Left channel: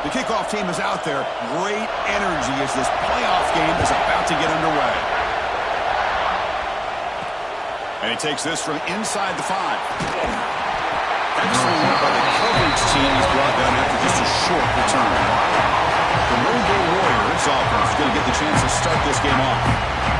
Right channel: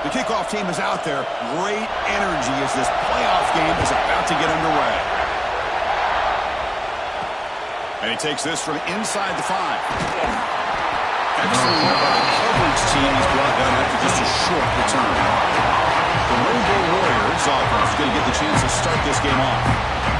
The kickoff team is out there. Great energy as this playoff game is about to get underway. And he takes this from inside the 5. Excellent work by the coverage team. He's brought down after just a short return. The Rainbow Warriors offense is going to get the chance to start this game off.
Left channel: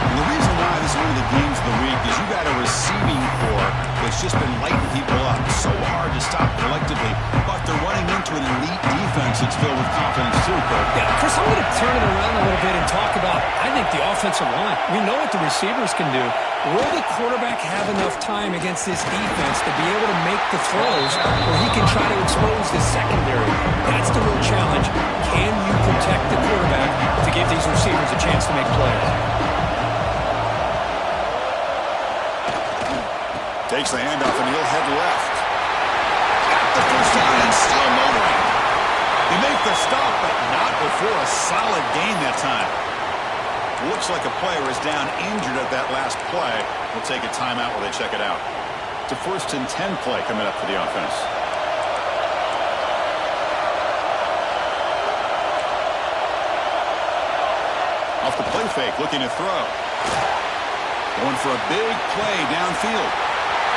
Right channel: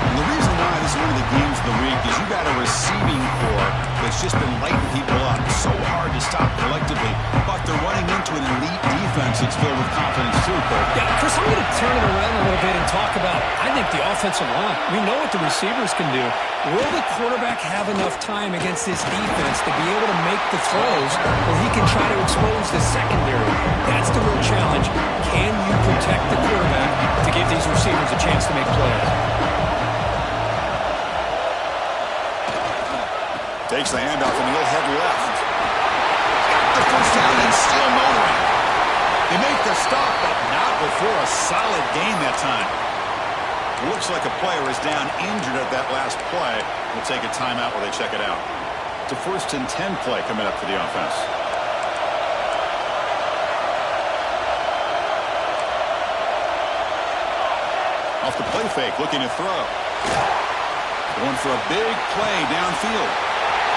And the reason why this is one of the games of the week is you got a receiving core that's just been lighting people up. So hard to stop collectively, but they're running into an elite defense that's filled with confidence too, Kirk. Yeah, Chris, I'm going to turn it around a little bit and talk about, I think, the offensive line. We know what the receivers can do. Will the quarterback have enough time against this defense to be able to make the throws where he can try to expose the secondary? That's the real challenge. Can you protect the quarterback to give these receivers a chance to make plays? Takes the handoff and he'll head left. Got the first down and still motoring. They make the stop, but not before a solid gain that time. Looks like a player is down injured at that last play. We'll take a timeout while they check it out. It's a 1st and 10 play coming up for the offense. Off the play fake, looking to throw. Going for a big play downfield.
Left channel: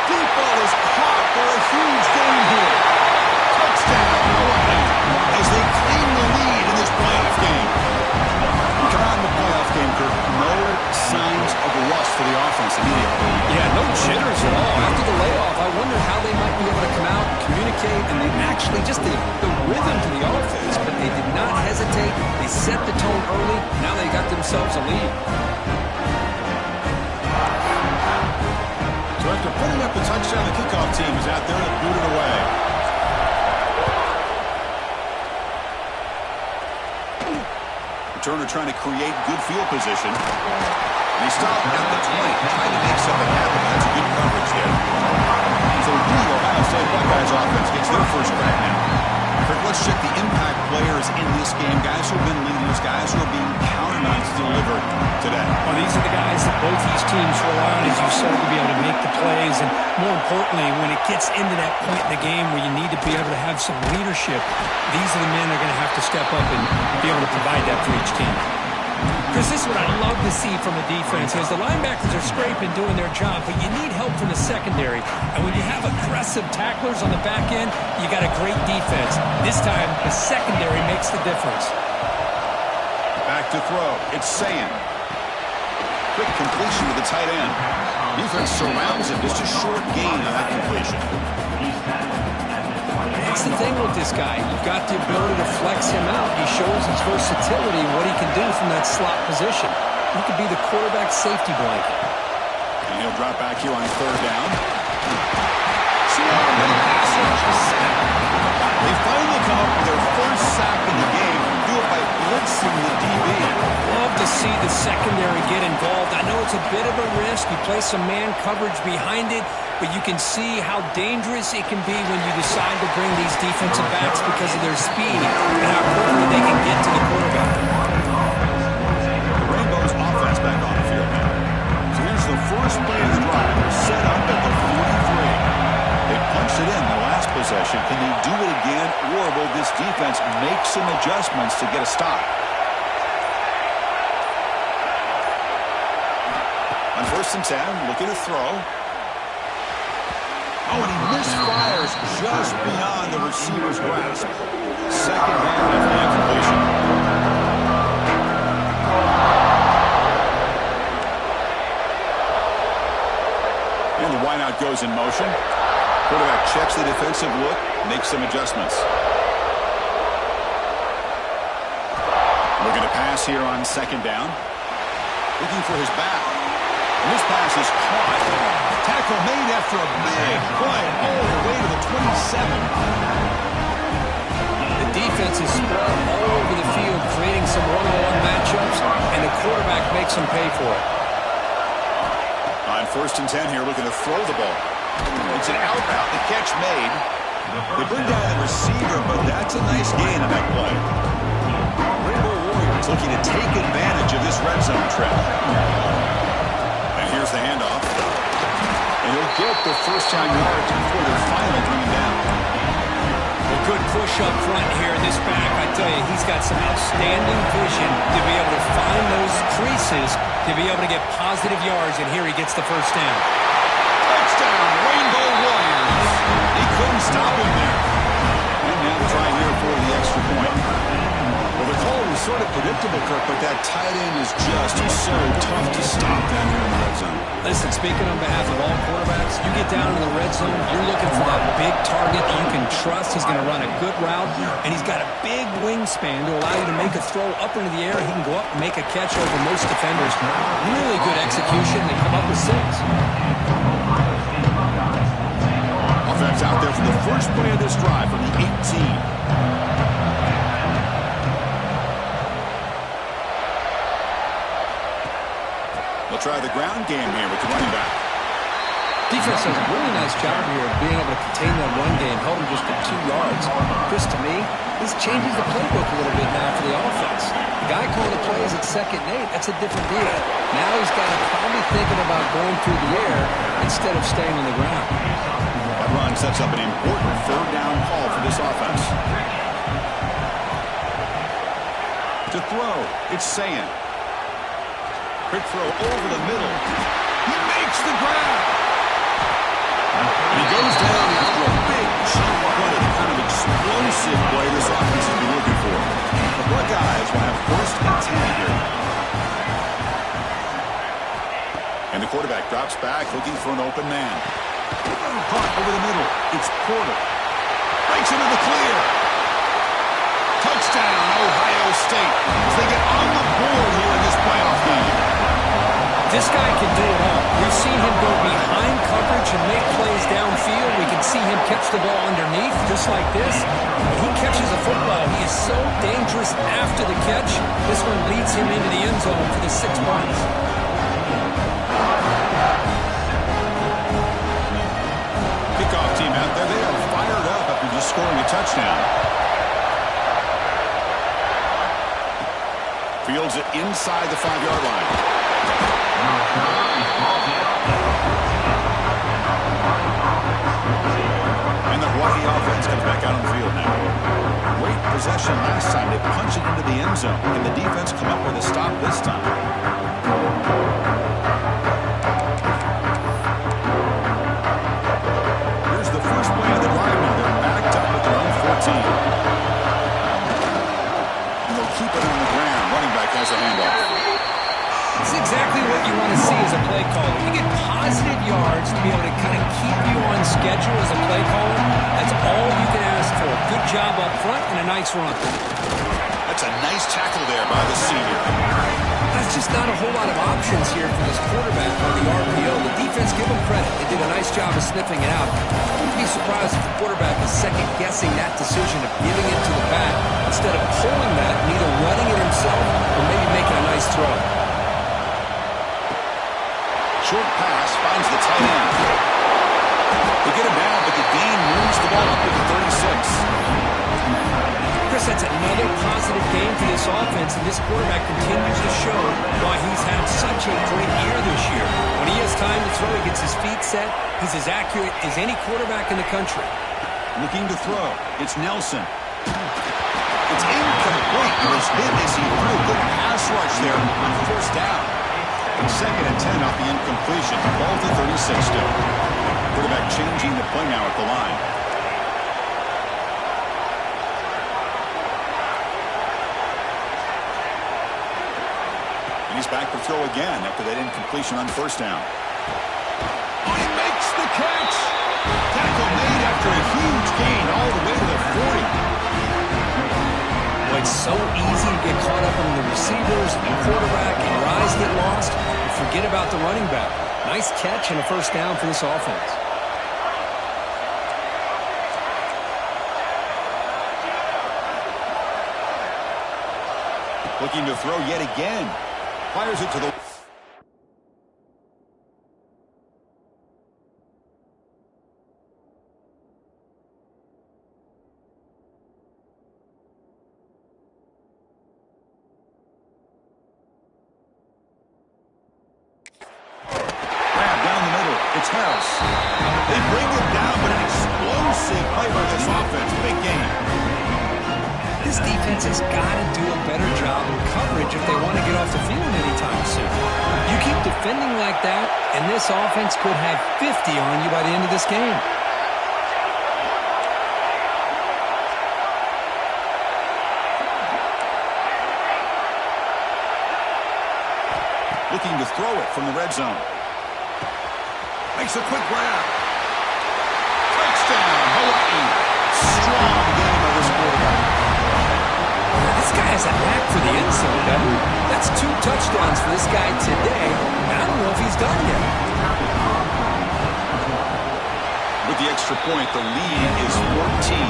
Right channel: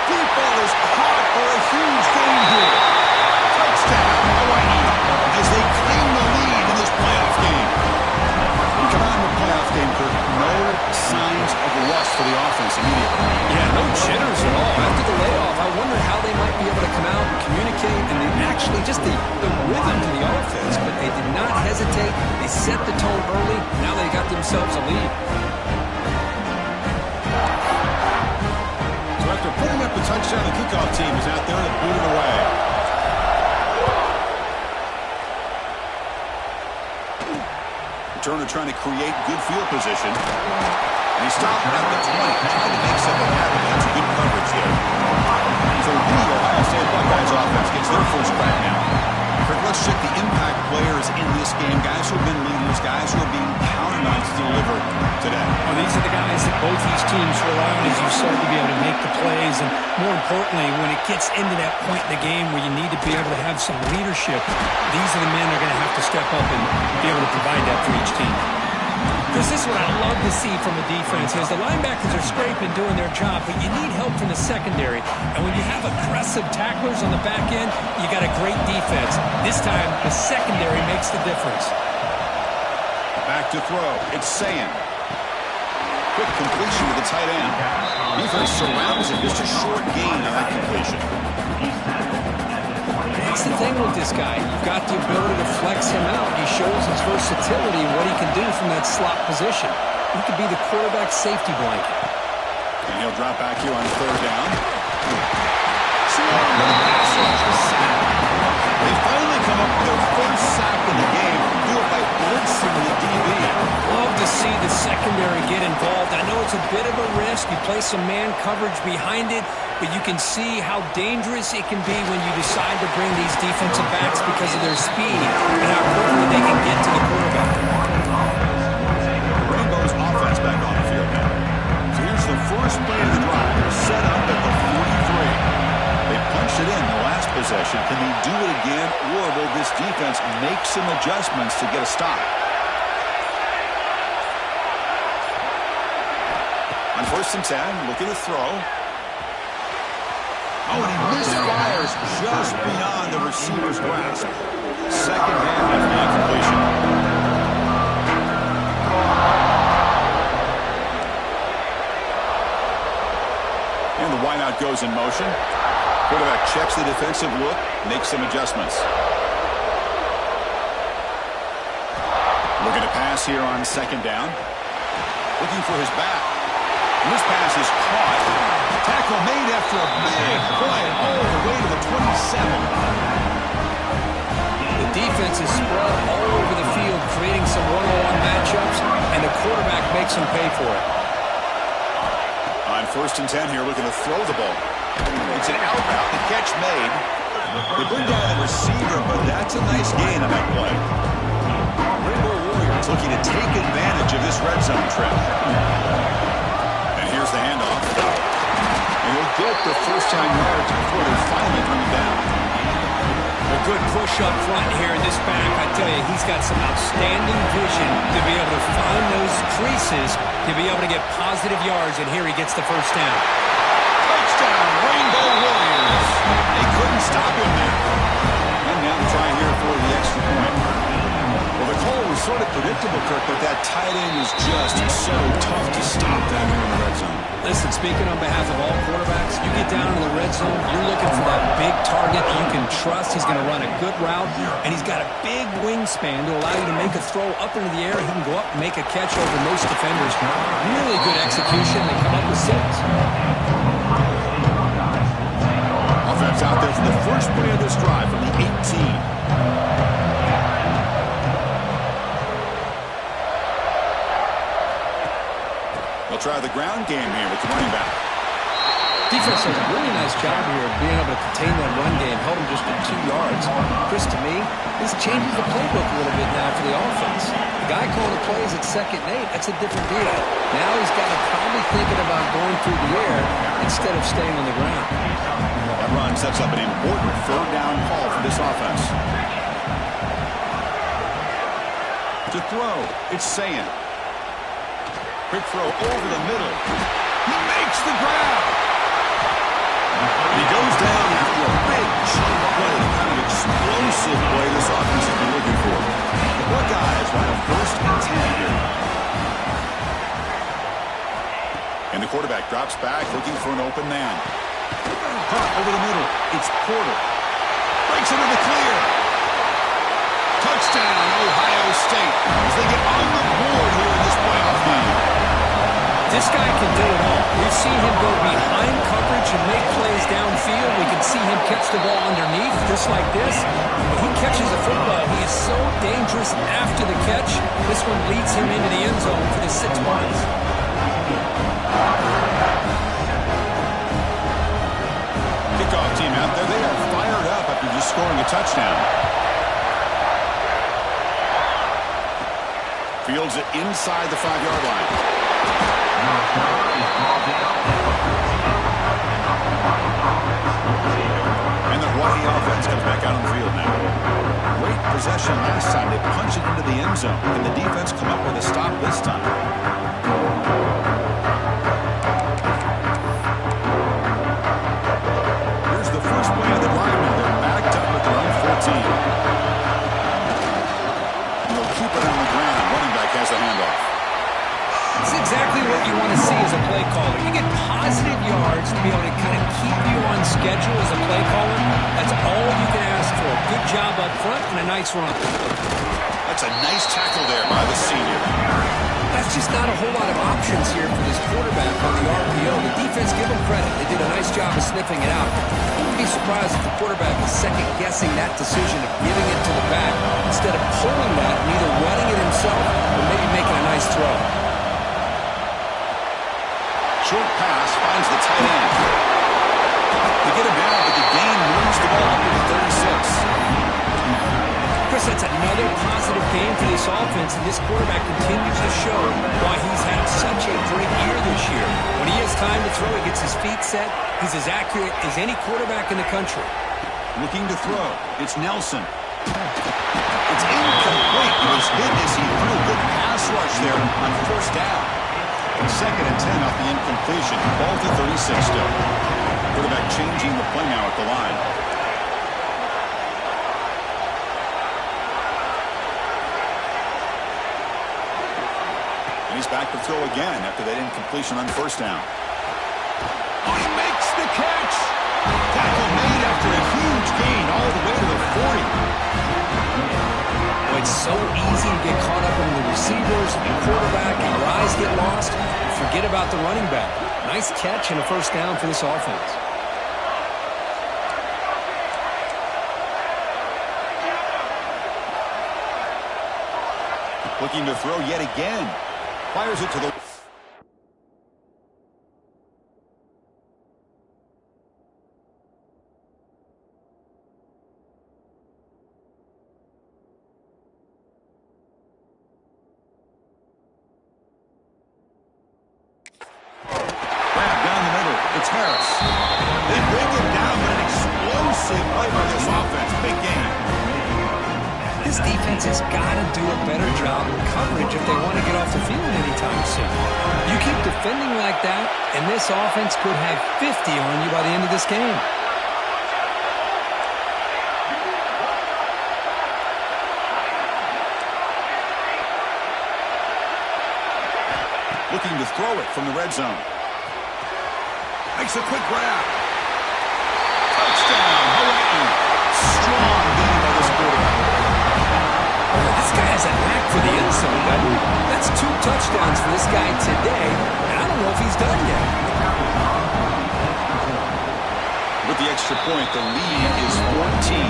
Deep ball is caught for a huge gain here. Touchdown, Hawaii, as they claim the lead in this playoff game. We come out in the playoff game, Kirk. No signs of rust for the offense immediately. Yeah, no jitters at all. After the layoff, I wonder how they might be able to come out and communicate and actually just the rhythm to the offense. But they did not hesitate. They set the tone early. Now they got themselves a lead. So after putting up the touchdown, the kickoff team is out there to boot it away. Returner trying to create good field position. And he stopped at the 20, trying to make something happen. That's good coverage there. So the Ohio State Buckeyes offense gets their first crack now. Kirk, let's check the impact players in this game. Guys who have been leaders, guys who are being counted on to deliver today. Well, these are the guys that both these teams rely on, as you said, to be able to make the plays. And more importantly, when it gets into that point in the game where you need to be able to have some leadership, these are the men that are going to have to step up and be able to provide that for each team. Chris, this is what I love to see from a defense is the linebackers are scraping, doing their job, but you need help from the secondary. And when you have aggressive tacklers on the back end, you got a great defense. This time, the secondary makes the difference. Back to throw. It's Sayan. Quick completion to the tight end. Defense surrounds him. Just a short gain on that completion. That's the thing with this guy. You've got the ability to flex him out. He shows his versatility, what he can do from that slot position. He could be the quarterback safety blanket. And he'll drop back here on 3rd down. With a pass rush, a sack. They finally come up with their first sack in the game. Do it by blitzing the DB. Love to see the secondary get involved. I know it's a bit of a risk. You play some man coverage behind it, but you can see how dangerous it can be when you decide to bring these defensive backs because of their speed and how quickly they can get to the quarterback. The Rainbows offense back on the field now. So here's the first play of the drive. They're set up at the 43. They punched it in the last possession. Can they do it again, or will this defense make some adjustments to get a stop? On 1st and 10, looking to throw. Oh, and he misfires just beyond the receiver's grasp. 2nd down after the incompletion. And the wideout goes in motion. Quarterback checks the defensive look, makes some adjustments. Looking to pass here on 2nd down. Looking for his back. And this pass is caught. Tackle made after a big play all the way to the 27. The defense is spread all over the field, creating some one-on-one matchups, and the quarterback makes them pay for it. On 1st and 10 here, looking to throw the ball. It's an out route, the catch made. They bring down the receiver, but that's a nice gain on that play. Rainbow Warriors looking to take advantage of this red zone trip. And here's the handoff. And he'll get the first down yards before they finally bring him down. Well, good push up front here in this back. I tell you, he's got some outstanding vision to be able to find those creases, to be able to get positive yards, and here he gets the first down. Touchdown, Rainbow Warriors. They couldn't stop him there. And now the try here for the extra point. Well, the call was sort of predictable, Kirk, but that tight end is just so tough to stop down here in the red zone. Listen, speaking on behalf of all quarterbacks, you get down in the red zone, you're looking for that big target that you can trust. He's going to run a good route, and he's got a big wingspan to allow you to make a throw up into the air. He can go up and make a catch over most defenders. Really good execution. They come up with 6. Offense out there for the first play of this drive from the 18. They'll try the ground game here with the running back. Defense does a really nice job here of being able to contain that run game, held him just at 2 yards. Chris, to me, this changes the playbook a little bit now for the offense. The guy calling the plays at 2nd and 8, that's a different deal. Now he's got to probably thinking about going through the air instead of staying on the ground. That run sets up an important 3rd down call for this offense. To throw, it's Sayan. Quick throw over the middle. He makes the grab. And he goes down after a big chunk play, the kind of explosive play this offense has been looking for. The Buckeyes will have 1st and 10 here. And the quarterback drops back looking for an open man. Caught over the middle. It's Porter. Breaks into the clear. Touchdown, Ohio State, as they get on the board here in this playoff game. This guy can do it all. We've seen him go behind coverage and make plays downfield. We can see him catch the ball underneath, just like this. When he catches a football, he is so dangerous after the catch. This one leads him into the end zone for the 6 points. Kickoff team out there, they are fired up after just scoring a touchdown. Fields it inside the 5-yard line. And the Hawaii offense comes back out on the field now. Great possession last time. They punch it into the end zone. Can the defense come up with a stop this time? Here's the first play of the drive now. They're backed up at their own 14. And they'll keep it on the ground. Running back has a handoff. It's exactly what you want to see as a play caller. You get positive yards to be able to kind of keep you on schedule as a play caller. That's all you can ask for. Good job up front and a nice run. That's a nice tackle there by the senior. That's just not a whole lot of options here for this quarterback on the RPO. The defense, give them credit. They did a nice job of sniffing it out. I wouldn't be surprised if the quarterback is second-guessing that decision of giving it to the back instead of pulling that and either running it himself or maybe making a nice throw. Short pass finds the tight end. They get him down, but the gain moves the ball up to the 36. Chris, that's another positive game for this offense, and this quarterback continues to show why he's had such a great year this year. When he has time to throw, he gets his feet set. He's as accurate as any quarterback in the country. Looking to throw. It's Nelson. It's incomplete. He was hit as he threw a good pass rush there on 1st down. And 2nd and 10 off the incompletion. Ball to 36 still. Quarterback changing the play now at the line. And he's back to throw again after that incompletion on 1st down. Oh, he makes the catch. Tackle made after a huge gain all the way to the 40. Boy, it's so easy to get caught up in the receivers and the quarterback, and your eyes get lost. You forget about the running back. Nice catch and a 1st down for this offense. Looking to throw yet again. Fires it to the... Grab down the middle. It's Harris. They bring him down, but an explosive explosive play by this offense. Big game. This defense has got to do a better job in coverage if they want to get off the field anytime soon. You keep defending like that, and this offense could have 50 on you by the end of this game. Looking to throw it from the red zone. Makes a quick grab. Touchdown, Hawaii. Strong game by this quarterback. This guy has a knack for the end zone, doesn't he? That's 2 touchdowns for this guy today, and I don't know if he's done yet. With the extra point, the lead is 14.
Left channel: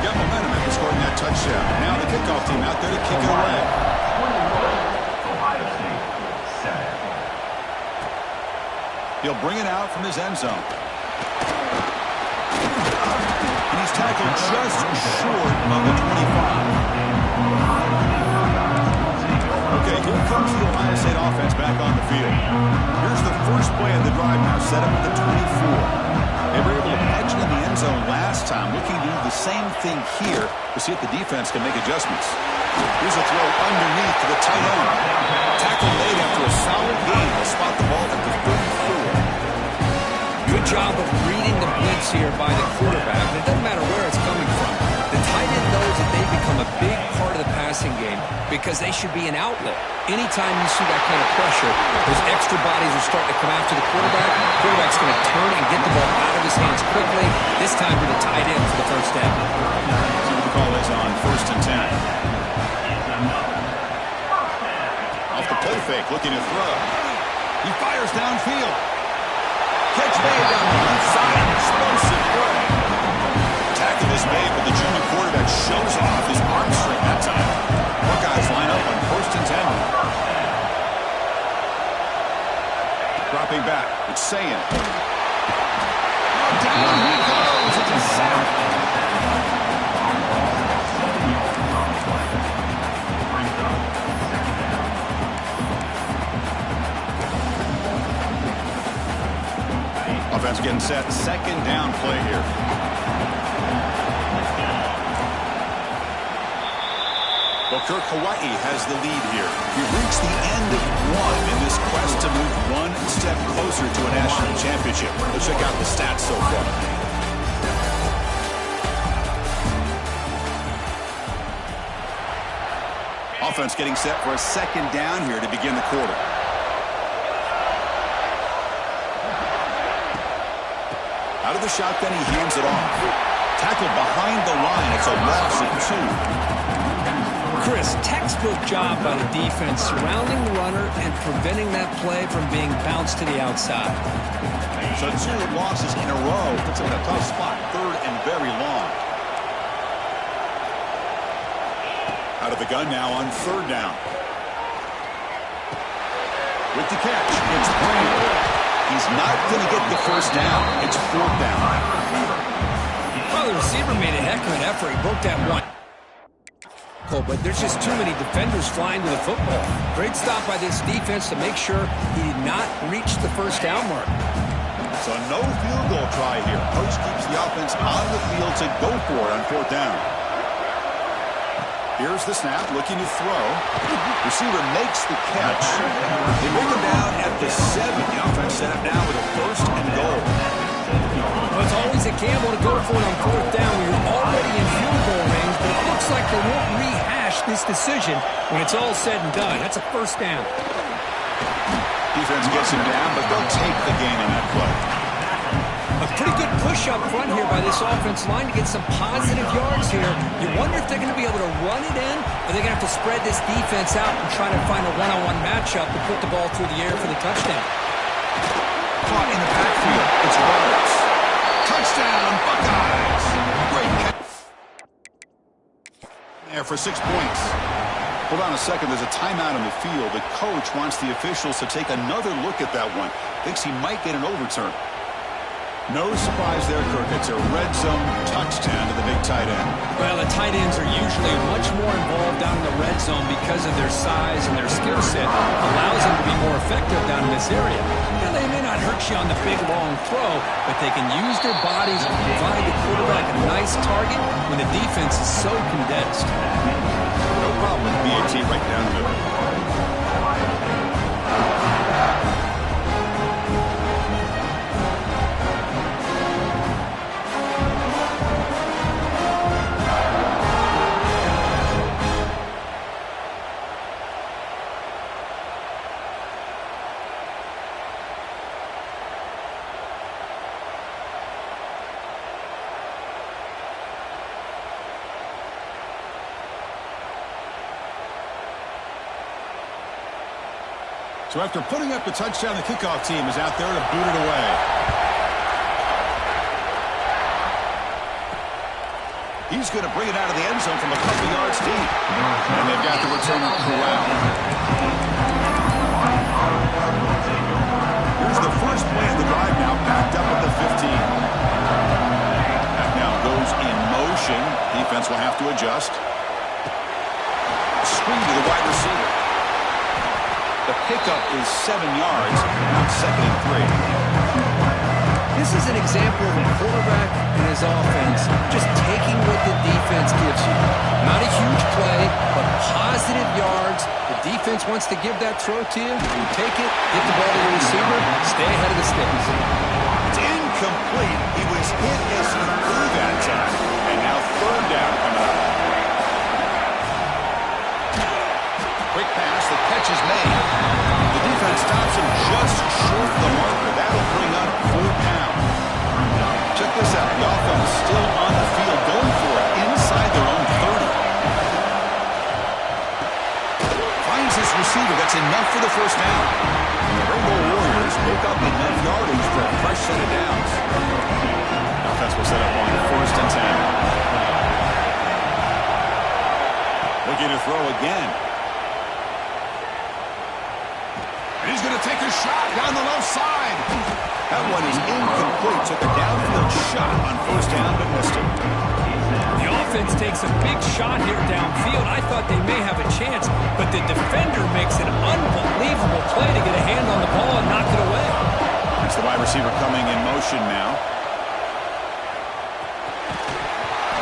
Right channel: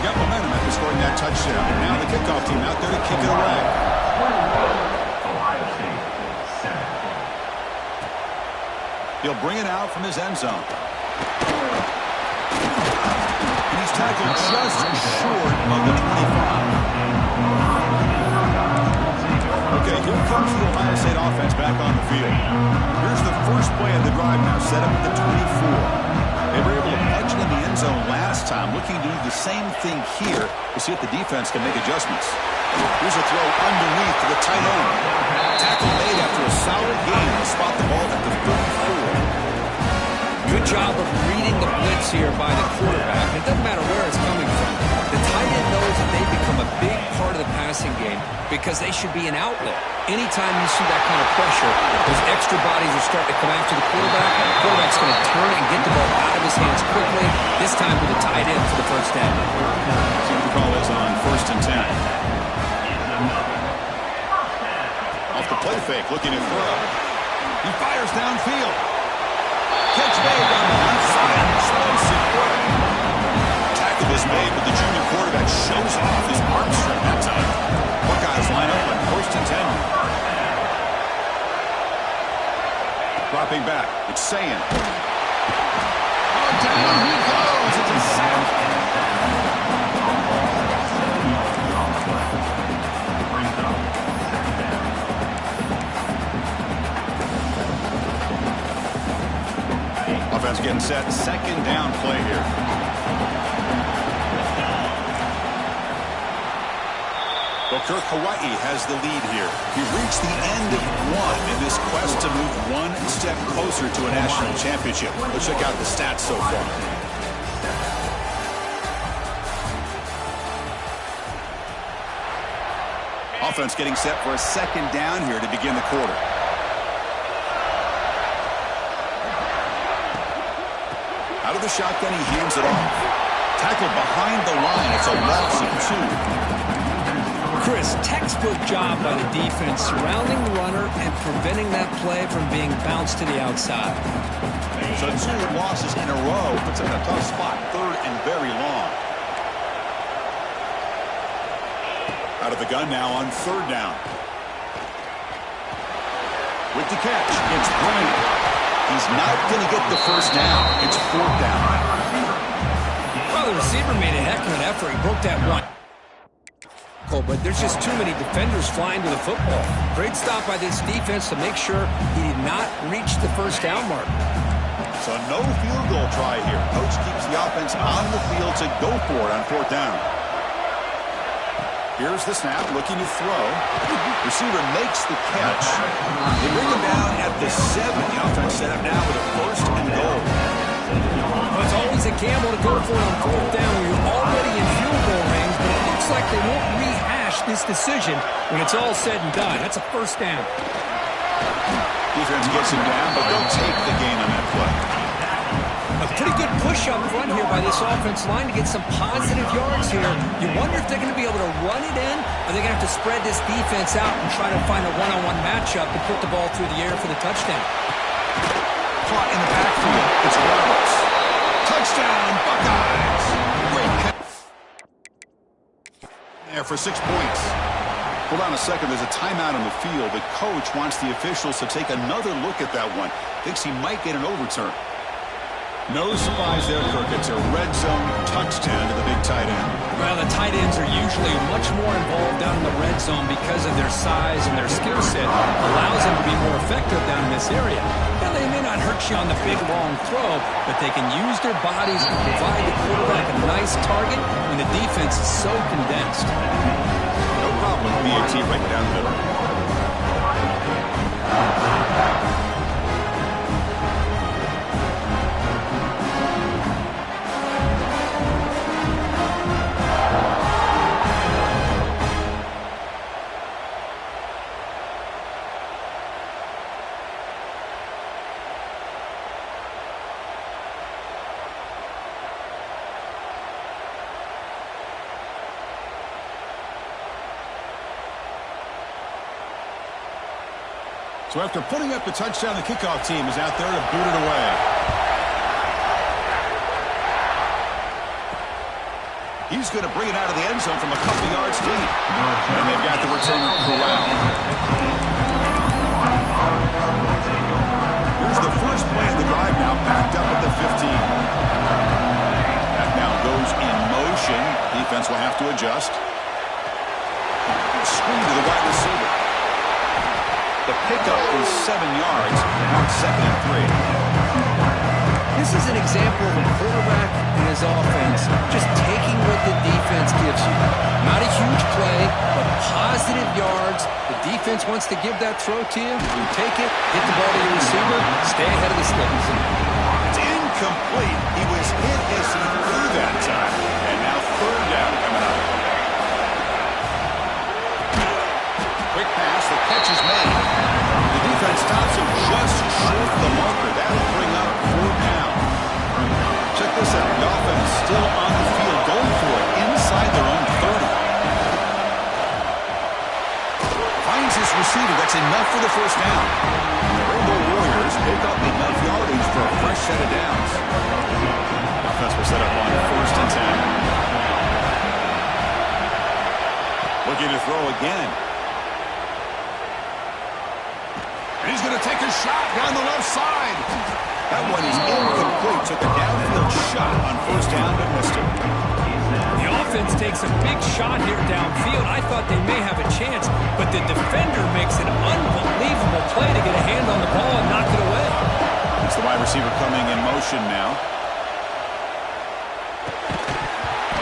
Got momentum after scoring that touchdown. Now the kickoff team out there to kick it away. He'll bring it out from his end zone. And he's tackled just short of the 25. Okay, here comes the Ohio State offense back on the field. Here's the first play of the drive now, set up at the 24. They were able to punch it in the end zone last time, looking to do the same thing here to see if the defense can make adjustments. Here's a throw underneath to the tight end. Tackle made after a solid gain to spot the ball at the 34. Good job of reading the blitz here by the quarterback. It doesn't matter where it's coming from. The tight end knows that they become a big part of the passing game because they should be an outlet. Anytime you see that kind of pressure, those extra bodies are starting to come after the quarterback. The quarterback's going to turn and get the ball out of his hands quickly, this time to the tight end for the first down. See what the call is on 1st and 10. Off the play fake, looking to throw. He fires downfield. Catch made down the left side. Explosive play. Tackle is made, but the junior quarterback shows off his arm strength that time. Buckeyes line up on 1st and 10. Dropping back. It's Sayin. Oh, down he goes. It's a sack. Offense getting set. 2nd down play here. Well, Kirk, Hawaii has the lead here. We've reached the end of one in this quest to move one step closer to a national championship. Let's check out the stats so far. Offense getting set for a 2nd down here to begin the quarter. Out of the shotgun, he hands it off. Tackled behind the line. It's a loss of 2. Chris, textbook job by the defense surrounding the runner and preventing that play from being bounced to the outside. So 2 losses in a row puts him in a tough spot. 3rd and very long. Out of the gun now on 3rd down. With the catch, it's Brady. He's not going to get the first down. It's 4th down. Well, the receiver made a heck of an effort. He broke that one. But there's just too many defenders flying to the football. Great stop by this defense to make sure he did not reach the first down mark. So no field goal try here. Coach keeps the offense on the field to go for it on 4th down. Here's the snap, looking to throw. Receiver makes the catch. They bring him down at the 7. The offense set up now with a 1st and goal. Well, it's always a gamble to go for it on 4th down when you're already in field goal range, but it looks like they won't rehash this decision when it's all said and done. That's a 1st down. Defense gets him down, but they'll take the gain on that play. A pretty good push up front here by this offense line to get some positive yards here. You wonder if they're going to be able to run it in, or they're going to have to spread this defense out and try to find a one-on-one matchup to put the ball through the air for the touchdown. Caught in the backfield. It's Roberts. Touchdown, Buckeyes. Great catch there for 6 points. Hold on a second. There's a timeout on the field. The coach wants the officials to take another look at that one. Thinks he might get an overturn. No surprise there, Kirk. It's a red zone touchdown to the big tight end. Well, the tight ends are usually much more involved down in the red zone because of their size and their skill set allows them to be more effective down in this area. Now, they may not hurt you on the big, long throw, but they can use their bodies and provide the quarterback a nice target when the defense is so condensed. No problem with BAT right down the middle. So after putting up the touchdown, the kickoff team is out there to boot it away. He's going to bring it out of the end zone from a couple yards deep. And they've got the returner corralled. Here's the first play of the drive now, backed up at the 15. That now goes in motion. Defense will have to adjust. Screen to the wide receiver. The pickup is 7 yards. Now it's 2nd and 3. This is an example of a quarterback and his offense just taking what the defense gives you. Not a huge play, but positive yards. The defense wants to give that throw to you. You take it, get the ball to your receiver, stay ahead of the sticks. It's incomplete. He was hit as he threw that time. And now 3rd down coming up. Quick pass, the catch is made. The defense stops him just short of the marker. That'll bring up 4th down. Check this out. The offense still on the field, going for it inside their own 30. Finds his receiver. That's enough for the 1st down. And the Rainbow Warriors pick up enough yardage for a fresh set of downs. The offense will set up on 1st and 10. Looking to throw again. He's going to take a shot down the left side. That one is incomplete. Took a downfield shot on 1st down, but missed it. The offense takes a big shot here downfield. I thought they may have a chance, but the defender makes an unbelievable play to get a hand on the ball and knock it away. That's the wide receiver coming in motion now.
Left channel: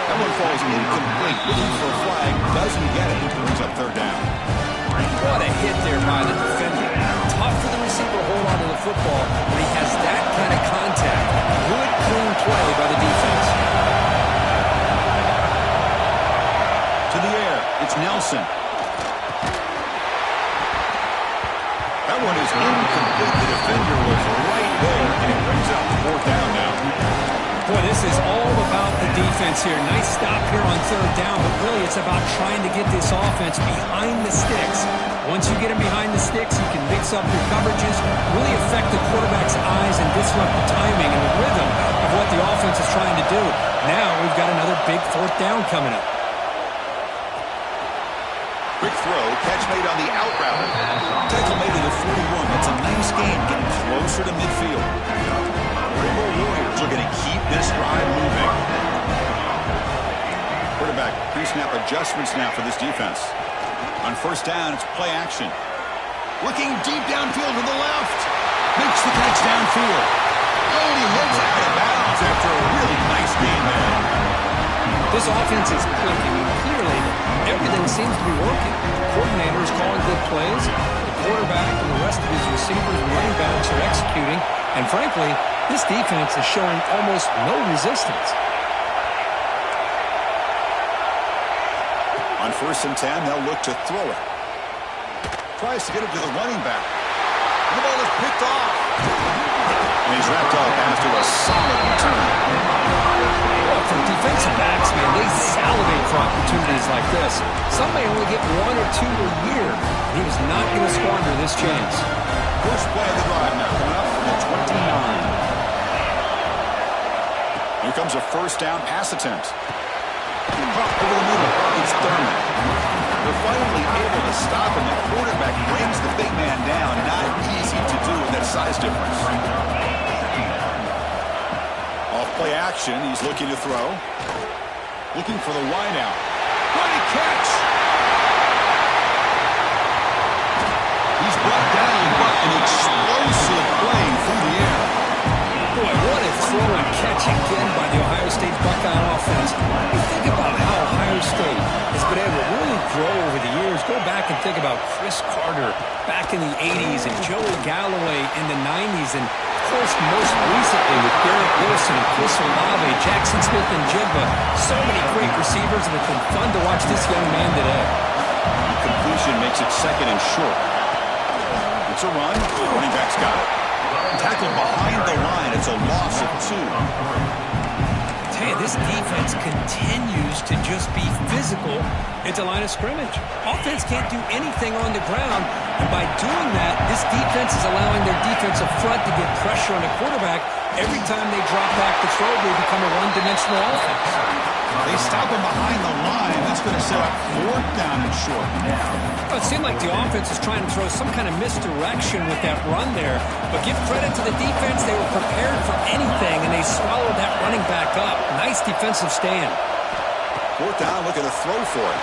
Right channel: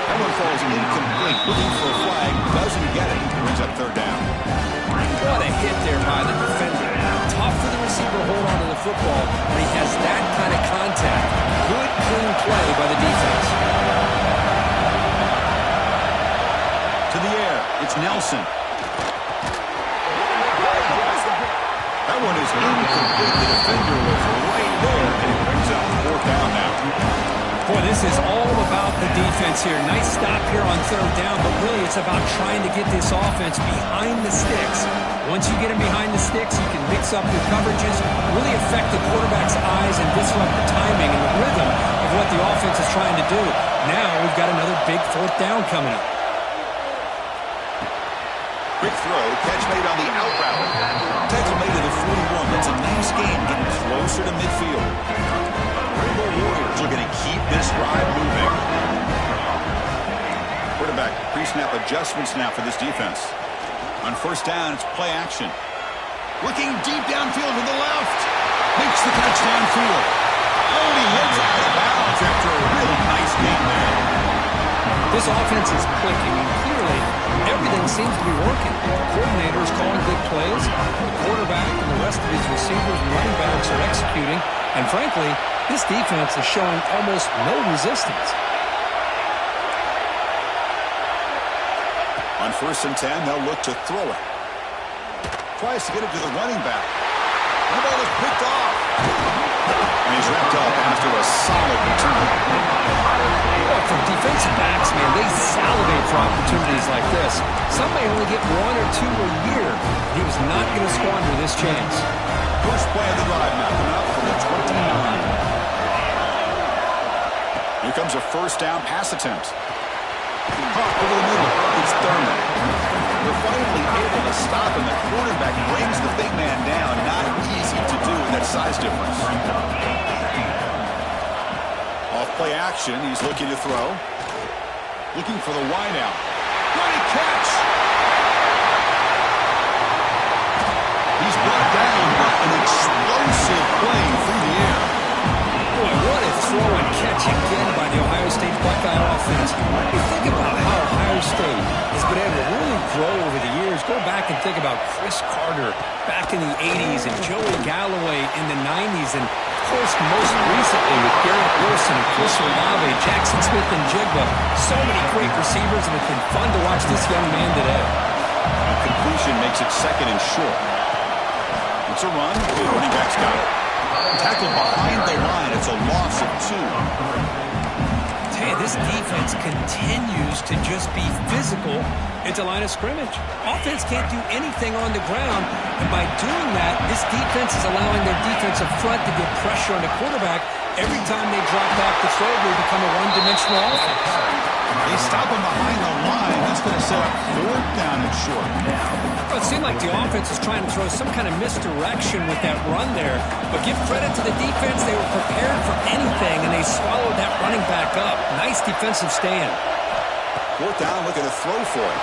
That one falls incomplete. Looking for a flag. Doesn't get it. Brings up 3rd down. What a hit there by the defender. Tough for the receiver to hold on to the football when he has that kind of contact. Good, clean play by the defense. To the air. It's Nelson. That one is incomplete. The defender was right there, and it brings up 4th down now. Boy, this is all about the defense here. Nice stop here on 3rd down, but really it's about trying to get this offense behind the sticks. Once you get them behind the sticks, you can mix up your coverages, really affect the quarterback's eyes and disrupt the timing and the rhythm of what the offense is trying to do. Now we've got another big 4th down coming up. Quick throw, catch made on the out route. Tackle made to the 41. That's a nice gain, getting closer to midfield. Rainbow Warriors looking to keep this drive moving. Quarterback pre-snap adjustments now for this defense. On 1st down, it's play action. Looking deep downfield to the left. Makes the catch downfield. Oh, he hits out of bounds after a really nice game there. This offense is clicking, and clearly everything seems to be working. The coordinator is calling good plays. The quarterback and the rest of his receivers and running backs are executing. And frankly, this defense is showing almost no resistance. On 1st and 10, they'll look to throw it. Tries to get it to the running back. And the ball is picked off. And he's wrapped up after a solid return. Well, for defensive backs, man, they salivate for opportunities like this. Some may only get 1 or 2 a year. He was not going to squander this chance. First play of the drive now, coming up from the 29. Here comes a 1st down pass attempt. Pop over the middle. It's Thurman. They're finally able to stop him. The quarterback brings the big man down. Not easy to do with that size difference. Play action. He's looking to throw. Looking for the wide out. Great catch. He's brought down, but an explosive play through the air. Boy, what a throw and catch again by the Ohio State Buckeye offense. You think about how Ohio State has been able to really grow over the years. Go back and think about Chris Carter back in the 80s and Joey Galloway in the 90s. And, of course, most recently with Garrett Wilson and Chris Olave, Jackson Smith and Jigba. So many great receivers, and it's been fun to watch this young man today. The completion makes it second and short. It's a run. The running back's got it. Tackled behind the line. It's a loss of 2. Hey, this defense continues to just be physical at the line of scrimmage. Offense can't do anything on the ground, and by doing that, this defense is allowing their defensive front to get pressure on the quarterback. Every time they drop back to throw, they become a one-dimensional offense. They stop him behind the line. That's going to set up 4th down and short. Well, it seemed like the offense is trying to throw some kind of misdirection with that run there. But give credit to the defense. They were prepared for anything, and they swallowed that running back up. Nice defensive stand. 4th down, looking to throw for it.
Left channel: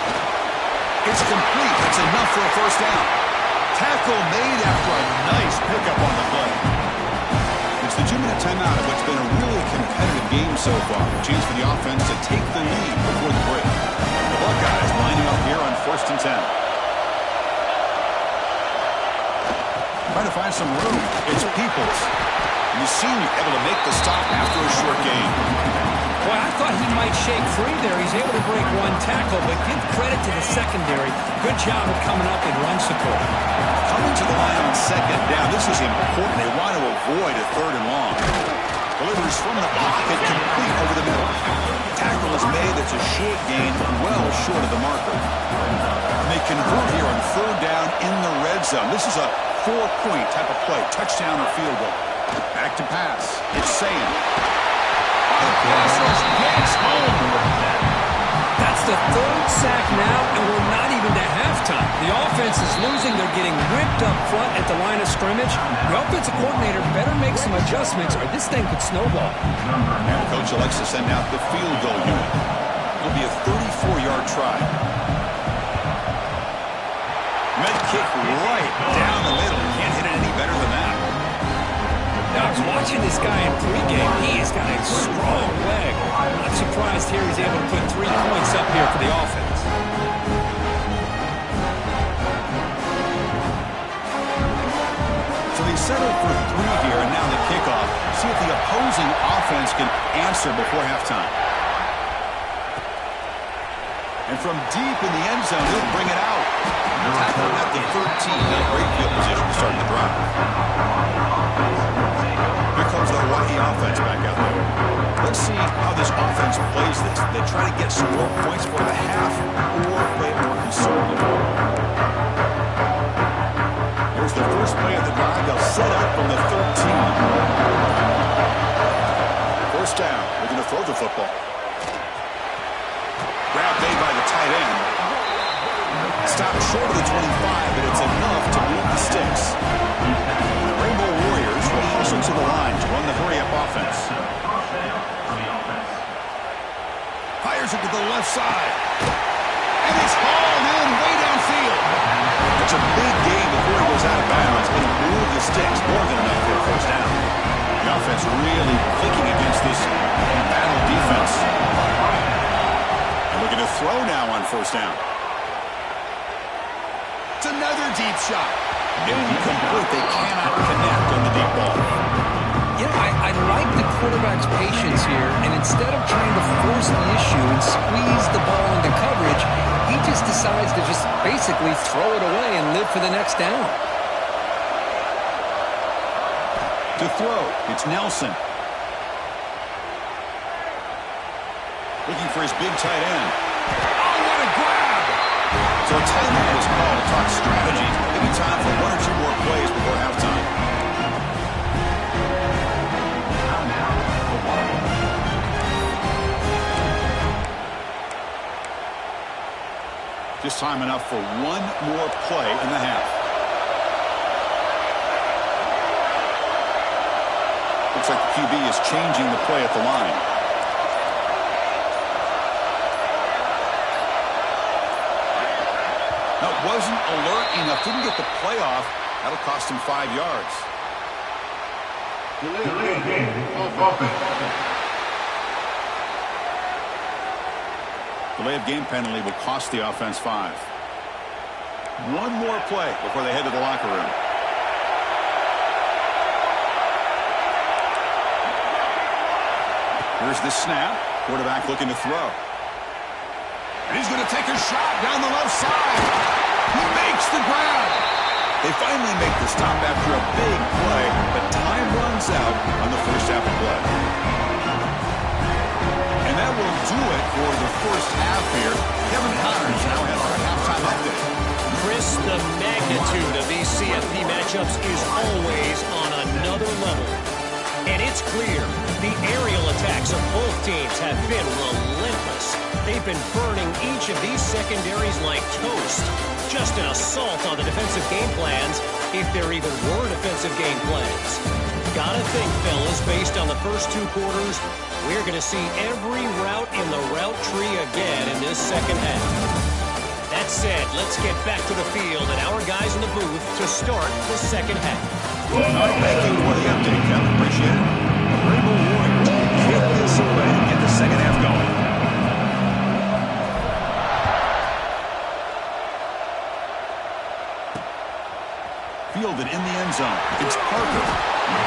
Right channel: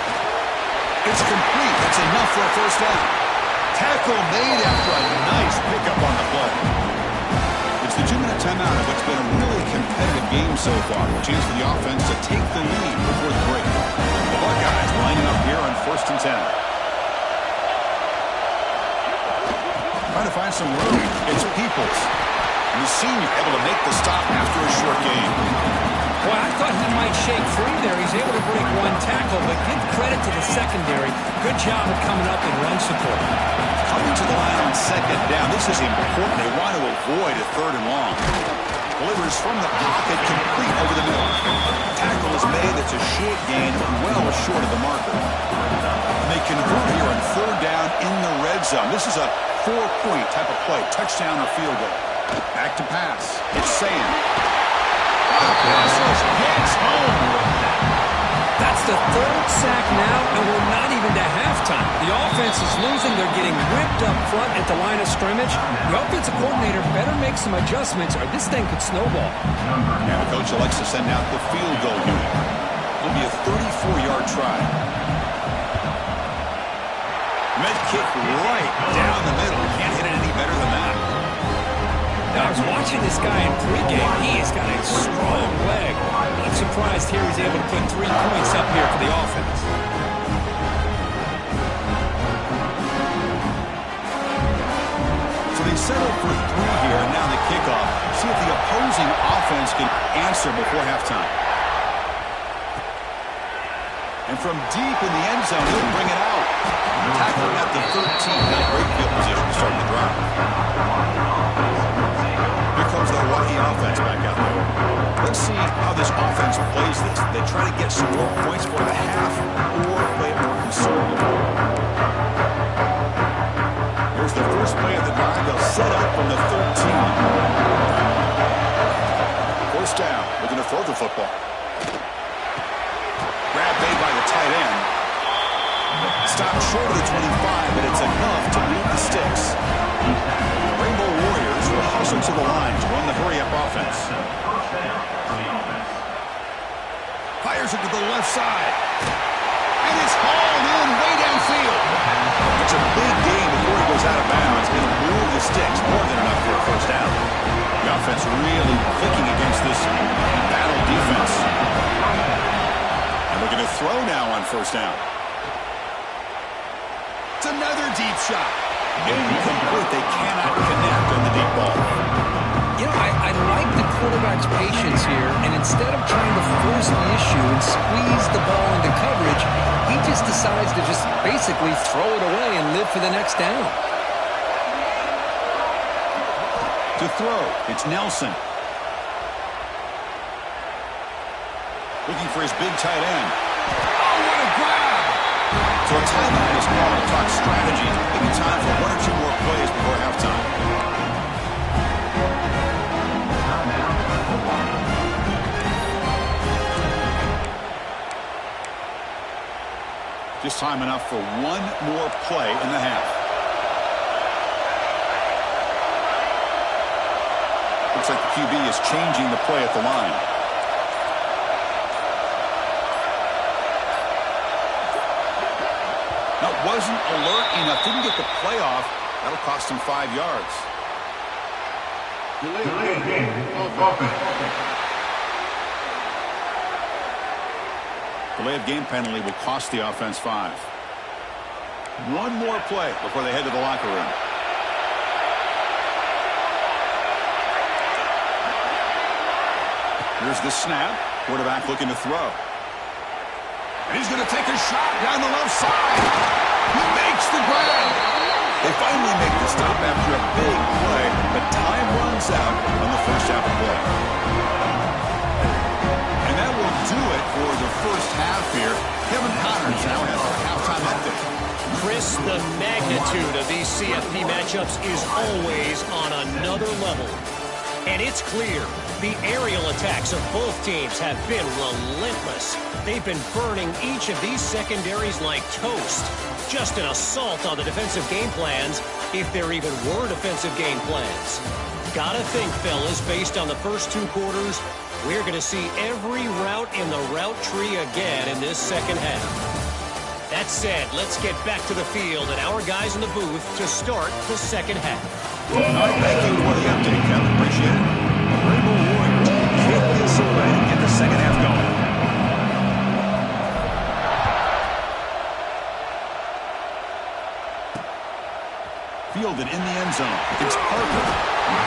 It's complete. That's enough for a 1st down. Tackle made after a nice pickup on the play. It's the 2-minute timeout of what's been a really competitive game so far. A chance for the offense to take the lead before the break. The Buckeyes lining up here on 1st and 10. Trying to find some room. It's Peoples. And the senior able to make the stop after a short gain. Well, I thought he might shake free there. He's able to break 1 tackle, but give credit to the secondary. Good job of coming up in run support. Coming to the line on 2nd down. This is important. They want to avoid a 3rd and long. Delivers from the pocket, complete over the middle. Tackle is made. It's a short gain, well short of the marker. And they convert here on 3rd down in the red zone. This is a 4-point type of play, touchdown or field goal. Back to pass. It's Sayan. The pass rush gets home. That's the 3rd sack now, and we're not even to halftime. The offense is losing. They're getting ripped up front at the line of scrimmage. The offensive coordinator better make some adjustments, or this thing could snowball. And the coach elects to send out the field goal unit. It'll be a 34-yard try. Med kick right down the middle. Can't hit it any better than that. Now, I was watching this guy in pregame. He has got a strong leg. Not surprised here he's able to put 3 points up here for the offense. So they settle for 3 here, and now the kickoff. See if the opposing offense can answer before halftime. And from deep in the end zone, he'll bring it out. Tackling at the 13. Now great field position to start the drive. Here comes the Hawaii offense back out there. Let's see how this offense plays this. They try to get some more points for the half or play it more conservative. Here's the first play of the drive. They'll set up from the 13. 1st down. Looking to throw the football. Grab made by the tight end. Stopped short of the 25, but it's enough to move the sticks. And the Rainbow Warriors will hustle to the line to run the hurry-up offense. Fires it to the left side. And it's hauled in way downfield. It's a big gain before he goes out of bounds. It'll move the sticks. More than enough for a 1st down. The offense really clicking against this battle defense. And looking to throw now on 1st down. It's another deep shot. Incomplete. They cannot connect on the deep ball. You know, I like the quarterback's patience here, and instead of trying to force the issue and squeeze the ball into coverage, he just decides to just basically throw it away and live for the next down. To throw, it's Nelson. Looking for his big tight end. Oh, what a grab! So a timeout is called to talk strategy. Maybe time for 1 or 2 more plays before halftime. Just time enough for 1 more play in the half. Looks like the QB is changing the play at the line. Now, wasn't alert enough. Didn't get the play off. That'll cost him 5 yards. Delayed game. Offense. Delay of game penalty will cost the offense 5. One more play before they head to the locker room. Here's the snap. Quarterback looking to throw. And he's going to take a shot down the left side. He makes the grab. They finally make the stop after a big play, but time runs out on the first half of play. And that will do it for the first half here. Kevin Connors now has our halftime update. Chris, the magnitude of these CFP matchups is always on another level. And it's clear, the aerial attacks of both teams have been relentless. They've been burning each of these secondaries like toast. Just an assault on the defensive game plans, if there even were defensive game plans. Gotta think, fellas, based on the first 2 quarters, we're going to see every route in the route tree again in this second half. That said, let's get back to the field and our guys in the booth to start the second half. All right, thank you for the update, Kevin. Appreciate it. The Rainbow Warriors kick this away and get the second half going. Fielded in the end zone. It's Parker.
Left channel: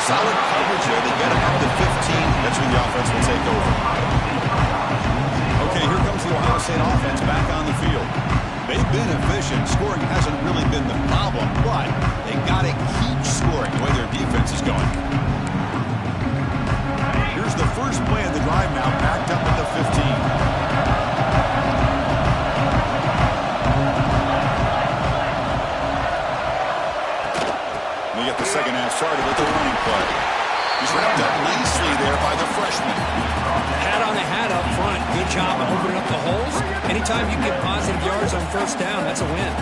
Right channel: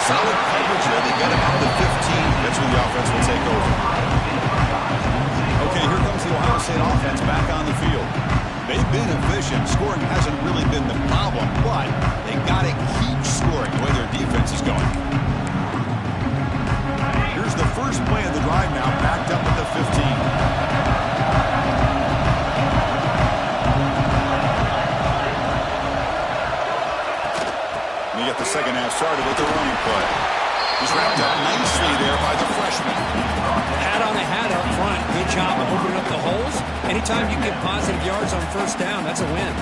Solid coverage there. They get him up to 15. That's when the offense will take over. Okay, here comes the Ohio State offense back on the field. They've been efficient. Scoring hasn't really been the problem, but they got to keep scoring the way their defense is going. Here's the first play of the drive now, backed up at the 15. They get the second half started with the running play. He's wrapped up nicely there by the freshman. Hat on the hat up front. Good job of opening up the holes. Anytime you get positive yards on first down, that's a win.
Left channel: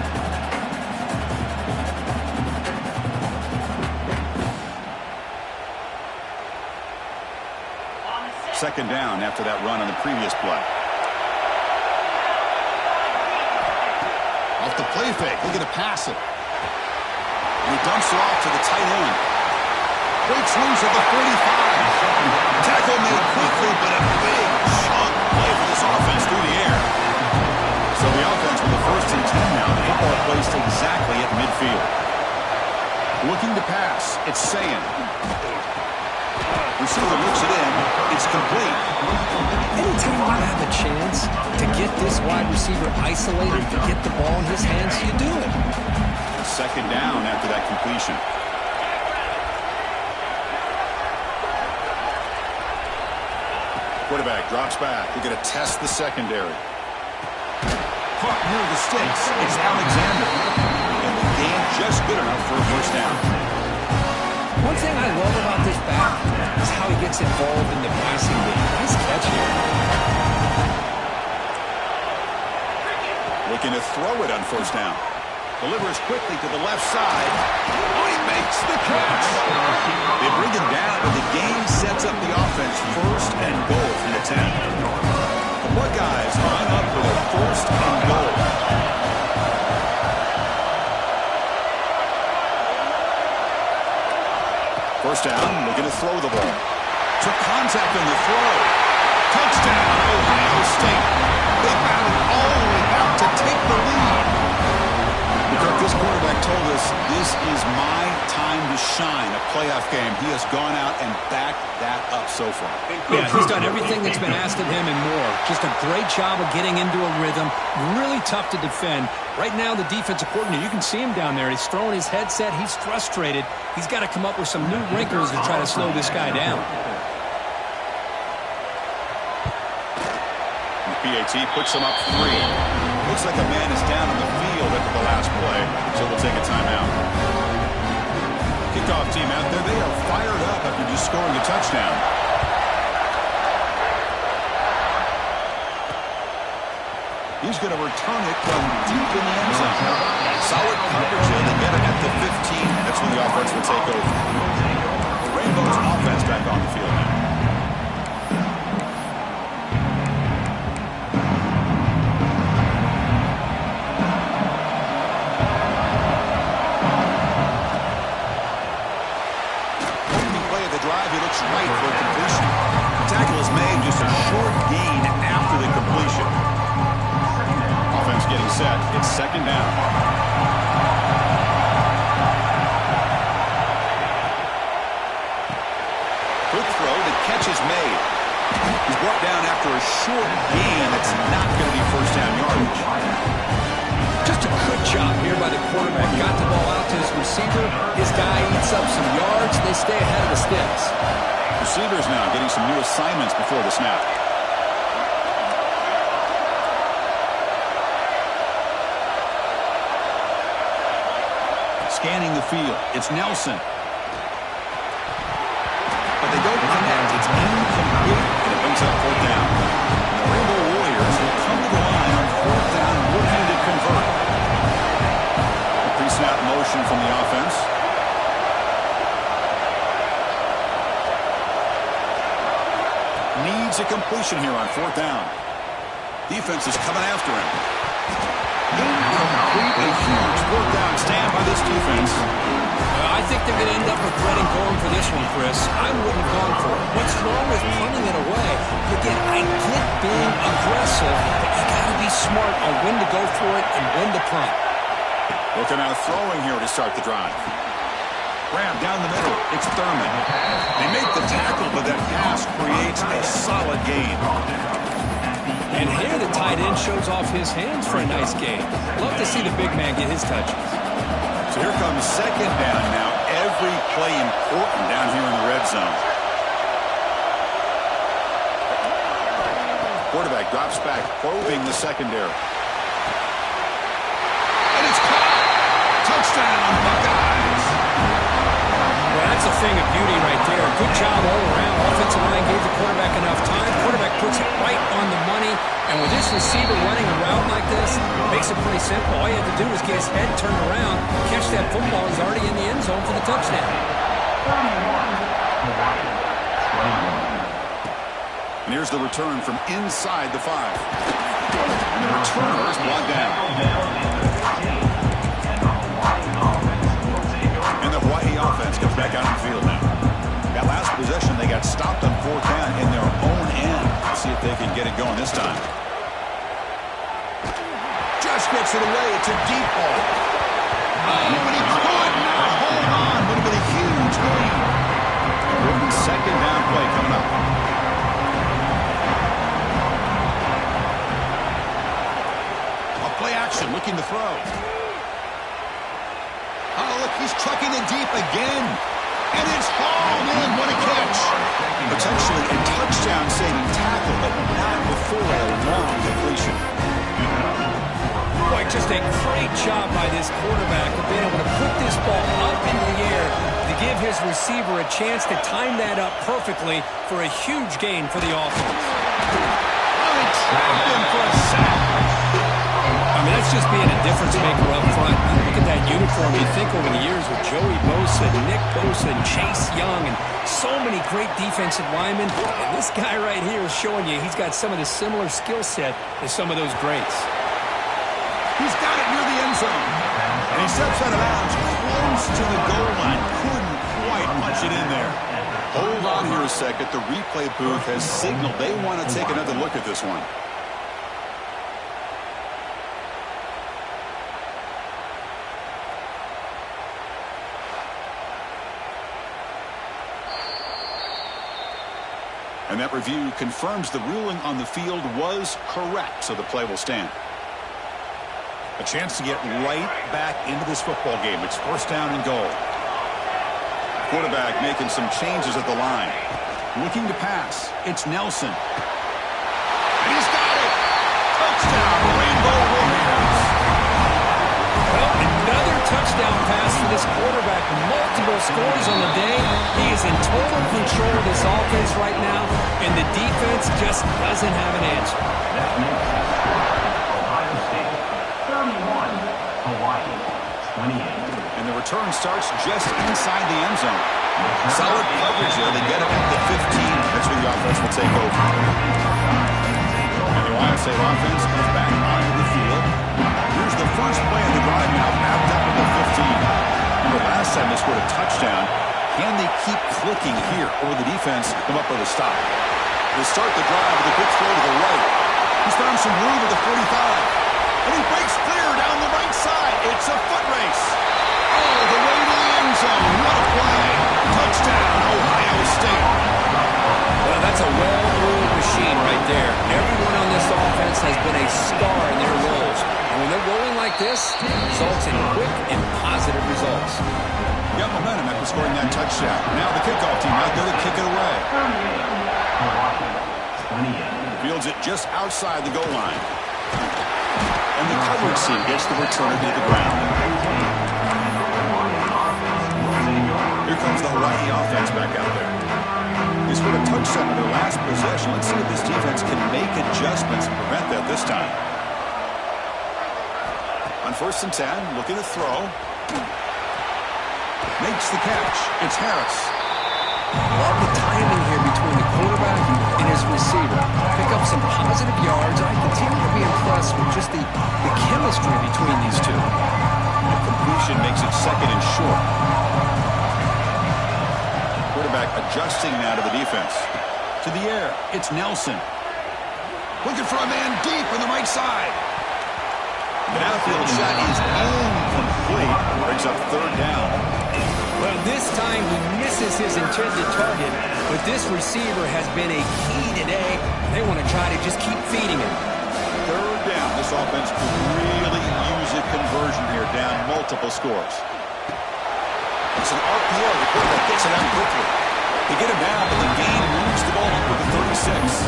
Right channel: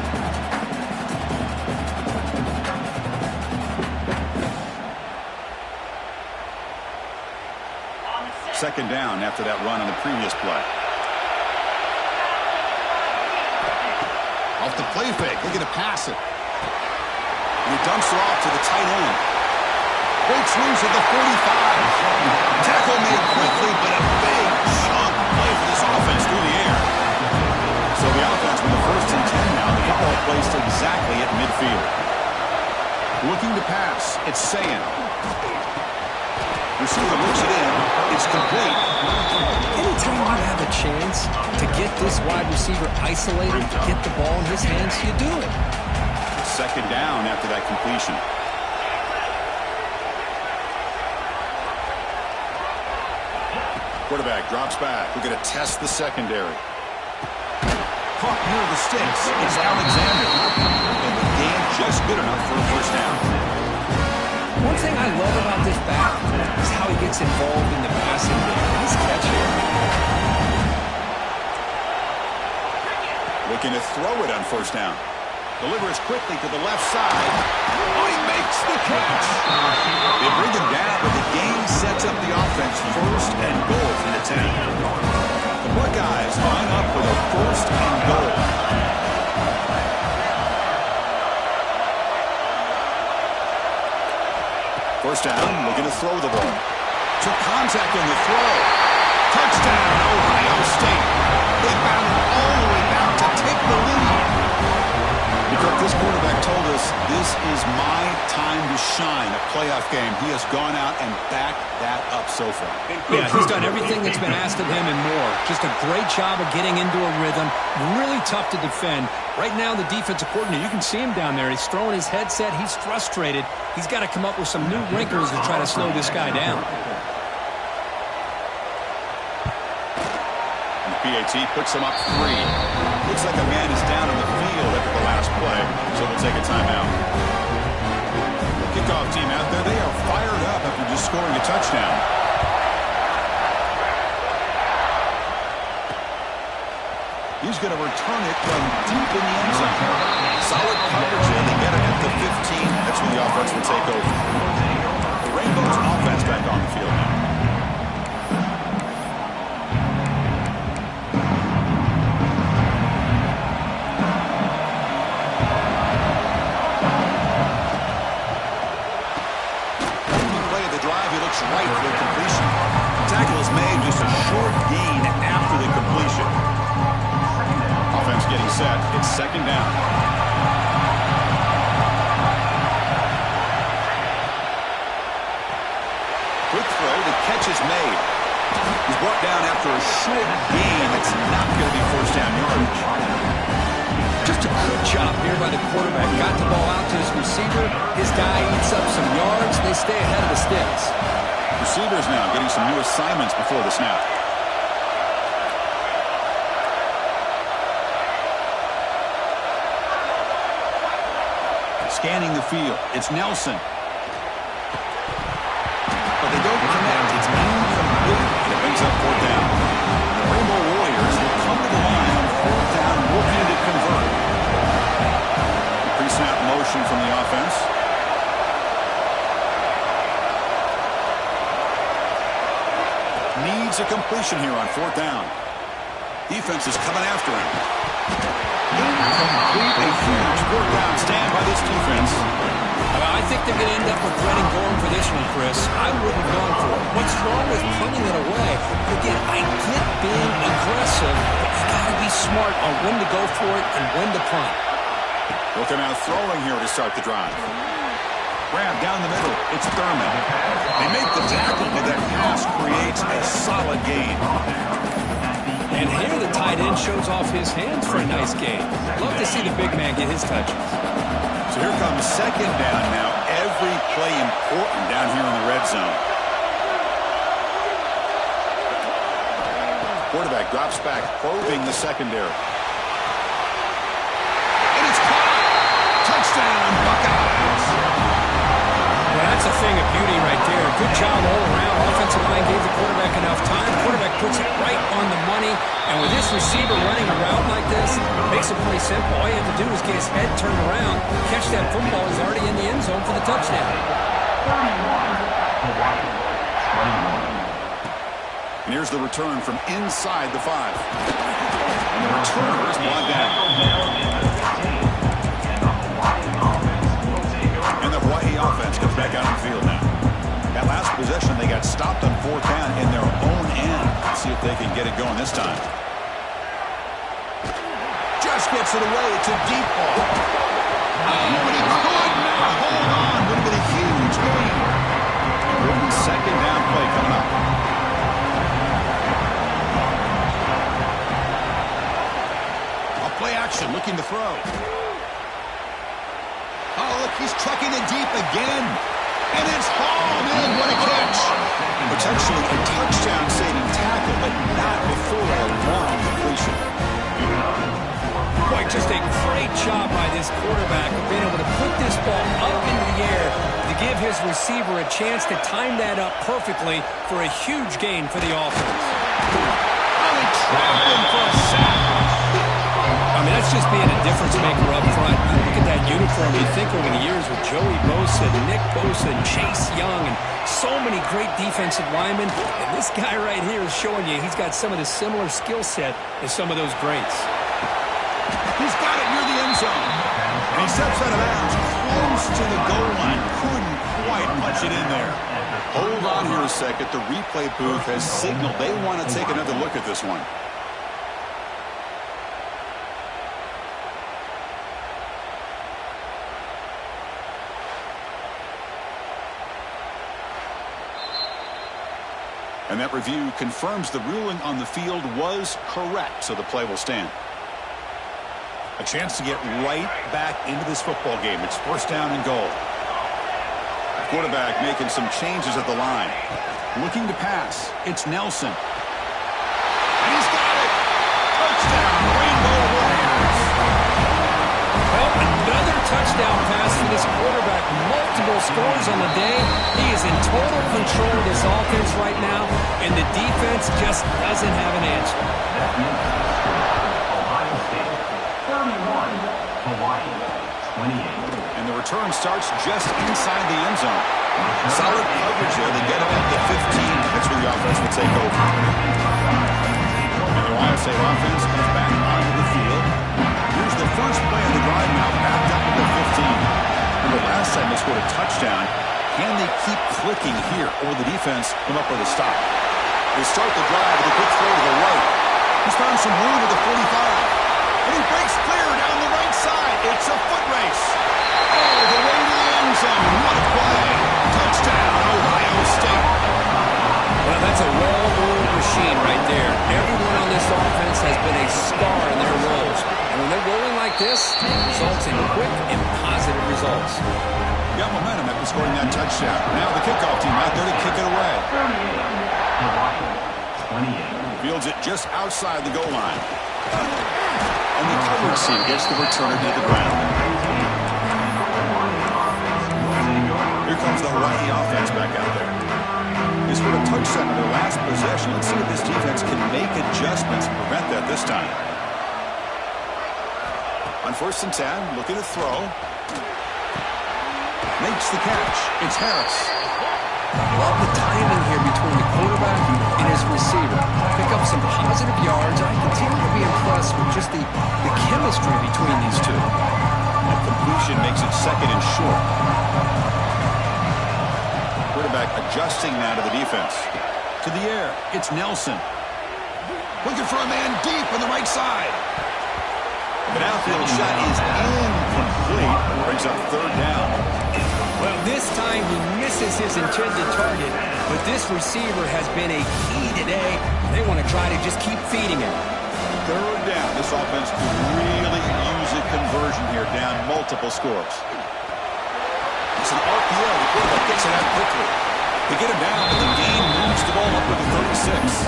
Second down after that run on the previous play. Off the play fake, looking to pass it. And he dumps it off to the tight end. Breaks loose at the 45. Tackle made quickly, but a big chunk play for this offense through the air. So the offense with the first and 10 now. The football placed exactly at midfield. Looking to pass. It's Sayin. Receiver looks it in. It's complete. Anytime you have a chance to get this wide receiver isolated, to get the ball in his hands, you do it. Second down after that completion. Quarterback drops back. We're going to test the secondary. Caught near the sticks. It's Alexander. And the game just good enough for a first down. One thing I love about this back is how he gets involved in the passing game. Nice catch here. Looking to throw it on first down. Delivers quickly to the left side. Oh, he makes the catch. They bring him down, but the game sets up the offense first and goal from the 10. The Buckeyes line up for their first and goal. First down, looking to throw the ball. Took contact on the throw. Touchdown, Ohio State. They battled all the way back to take the lead. Because this quarterback told us this is my time to shine, a playoff game. He has gone out and backed that up so far. Yeah, he's done everything that's been asked of him and more. Just a great job of getting into a rhythm. Really tough to defend. Right now, the defensive coordinator, you can see him down there. He's throwing his headset. He's frustrated. He's got to come up with some new wrinkles to try to slow this guy down. And the PAT puts him up 3. Looks like a man is down on the field after the last play, so we'll take a timeout. Kickoff team out there, they are fired up after just scoring a touchdown. He's going to return it from deep in the end zone. Solid coverage there. They get it at the 15. That's when the offense will take over. The Rainbow's offense back on the field now. Drive, he looks right for completion. Tackle is made, just a short gain after the completion. Offense getting set. It's second down. Quick throw. The catch is made. He's brought down after a short gain. That's not going to be first down yardage. Just a good job here by the quarterback. Got the ball out to his receiver. His guy eats up some yards. They stay ahead of the sticks. Receivers now getting some new assignments before the snap. Scanning the field. It's Nelson. But they don't connect. It's incomplete. And it brings up fourth down. And the Rainbow Warriors will come to the line on fourth down, looking to convert. The pre-snap motion from the offense. Needs a completion here on fourth down. Defense is coming after him. Incomplete. A huge fourth down stand by this defense. I think they're going to end up regretting going for this one, Chris. I wouldn't have gone for it. What's wrong with punting it away? Again, I get being aggressive, but you got to be smart on when to go for it and when to punt. Looking out throwing here to start the drive. Grab down the middle. It's Thurman. They make the tackle, but that pass creates a solid gain. And here the tight end shows off his hands for a nice gain. Love to see the big man get his touches. So here comes second down now. Every play important down here in the red zone. Quarterback drops back, probing the secondary. And it's caught. Touchdown, Buckeyes. Well, that's a thing of beauty right there. Good job all around. Offensive line gave the quarterback enough time. Quarterback puts it right on the money. And with this receiver running a route like this, it makes it pretty simple. All you have to do is get his head turned around, catch that football. He's already in the end zone for the touchdown. 31, And here's the return from inside the 5. And the returner is brought down. And the Hawaii offense comes back out on the field now. That last possession, they got stopped on fourth down in their own end. Let's see if they can get it going this time. Just gets it away. It's a deep ball. Oh, but he could not hold on. Would have been a huge gain. Important second down play coming up. A play action, looking to throw. Oh, look, he's trucking it deep again. And it's hauled in. What a catch. Potentially a touchdown-saving tackle, but not before a long completion. Boy, just a great job by this quarterback of being able to put this ball up into the air to give his receiver a chance to time that up perfectly for a huge gain for the offense. Oh, they trapped him for a sack. I mean, that's just being a difference maker up front. You look at that uniform, you think over the years with Joey Bosa, Nick Bosa, and Chase Young, and so many great defensive linemen. And this guy right here is showing you he's got some of the similar skill set as some of those greats. He's got it near the end zone. And he steps out of bounds close to the goal line. Couldn't quite punch it in there. Hold on here a second. The replay booth has signaled they want to take another look at this one. And that review confirms the ruling on the field was correct, so the play will stand. A chance to get right back into this football game. It's first down and goal. Quarterback making some changes at the line. Looking to pass. It's Nelson. And he's got it! Touchdown, Rainbow Warriors! Well, another touchdown pass for this quarterback. Multiple scores on the day. He is in total control of this offense right now, and the defense just doesn't have an answer. Ohio State 31, Hawaii 28. And the return starts just inside the end zone. Solid coverage there. They get him at the 15. That's where the offense will take over. And the Ohio State offense comes back onto the field. Here's the first play of the drive now, backed up at the 15. Remember last time they scored a touchdown. Can they keep clicking here, or will the defense come up with a stop? They start the drive with a quick throw to the right. He's found some room at the 45. And he breaks clear down the right side. It's a foot race. Oh, the way to the end zone. What a play. Touchdown, Ohio State. Well, that's a well-oiled machine right there. Everyone on this offense has been a star in their roles. And when they're rolling like this, it results in quick and positive results. Got momentum after scoring that touchdown. Now the kickoff team out there to kick it away. 28. Fields it just outside the goal line. And the coverage team gets the returner to the ground. Here comes the Hawaii offense back out there. They scored a touchdown in their last possession. Let's see if this defense can make adjustments and prevent that this time. On 1st and 10, looking to throw. Makes the catch. It's Harris. Love the timing here between the quarterback and his receiver. Pick up some positive yards. I continue to be impressed with just the chemistry between these two. And completion makes it 2nd and short. Quarterback adjusting now to the defense. To the air. It's Nelson. Looking for a man deep on the right side. The outfield shot is incomplete. Brings up 3rd down. Well, this time he misses his intended target, but this receiver has been a key today. They want to try to just keep feeding him. 3rd down. This offense could really use a conversion here, down multiple scores. It's an RPO. The quarterback gets it out quickly. They get him down, but the game moves the ball up with the 36.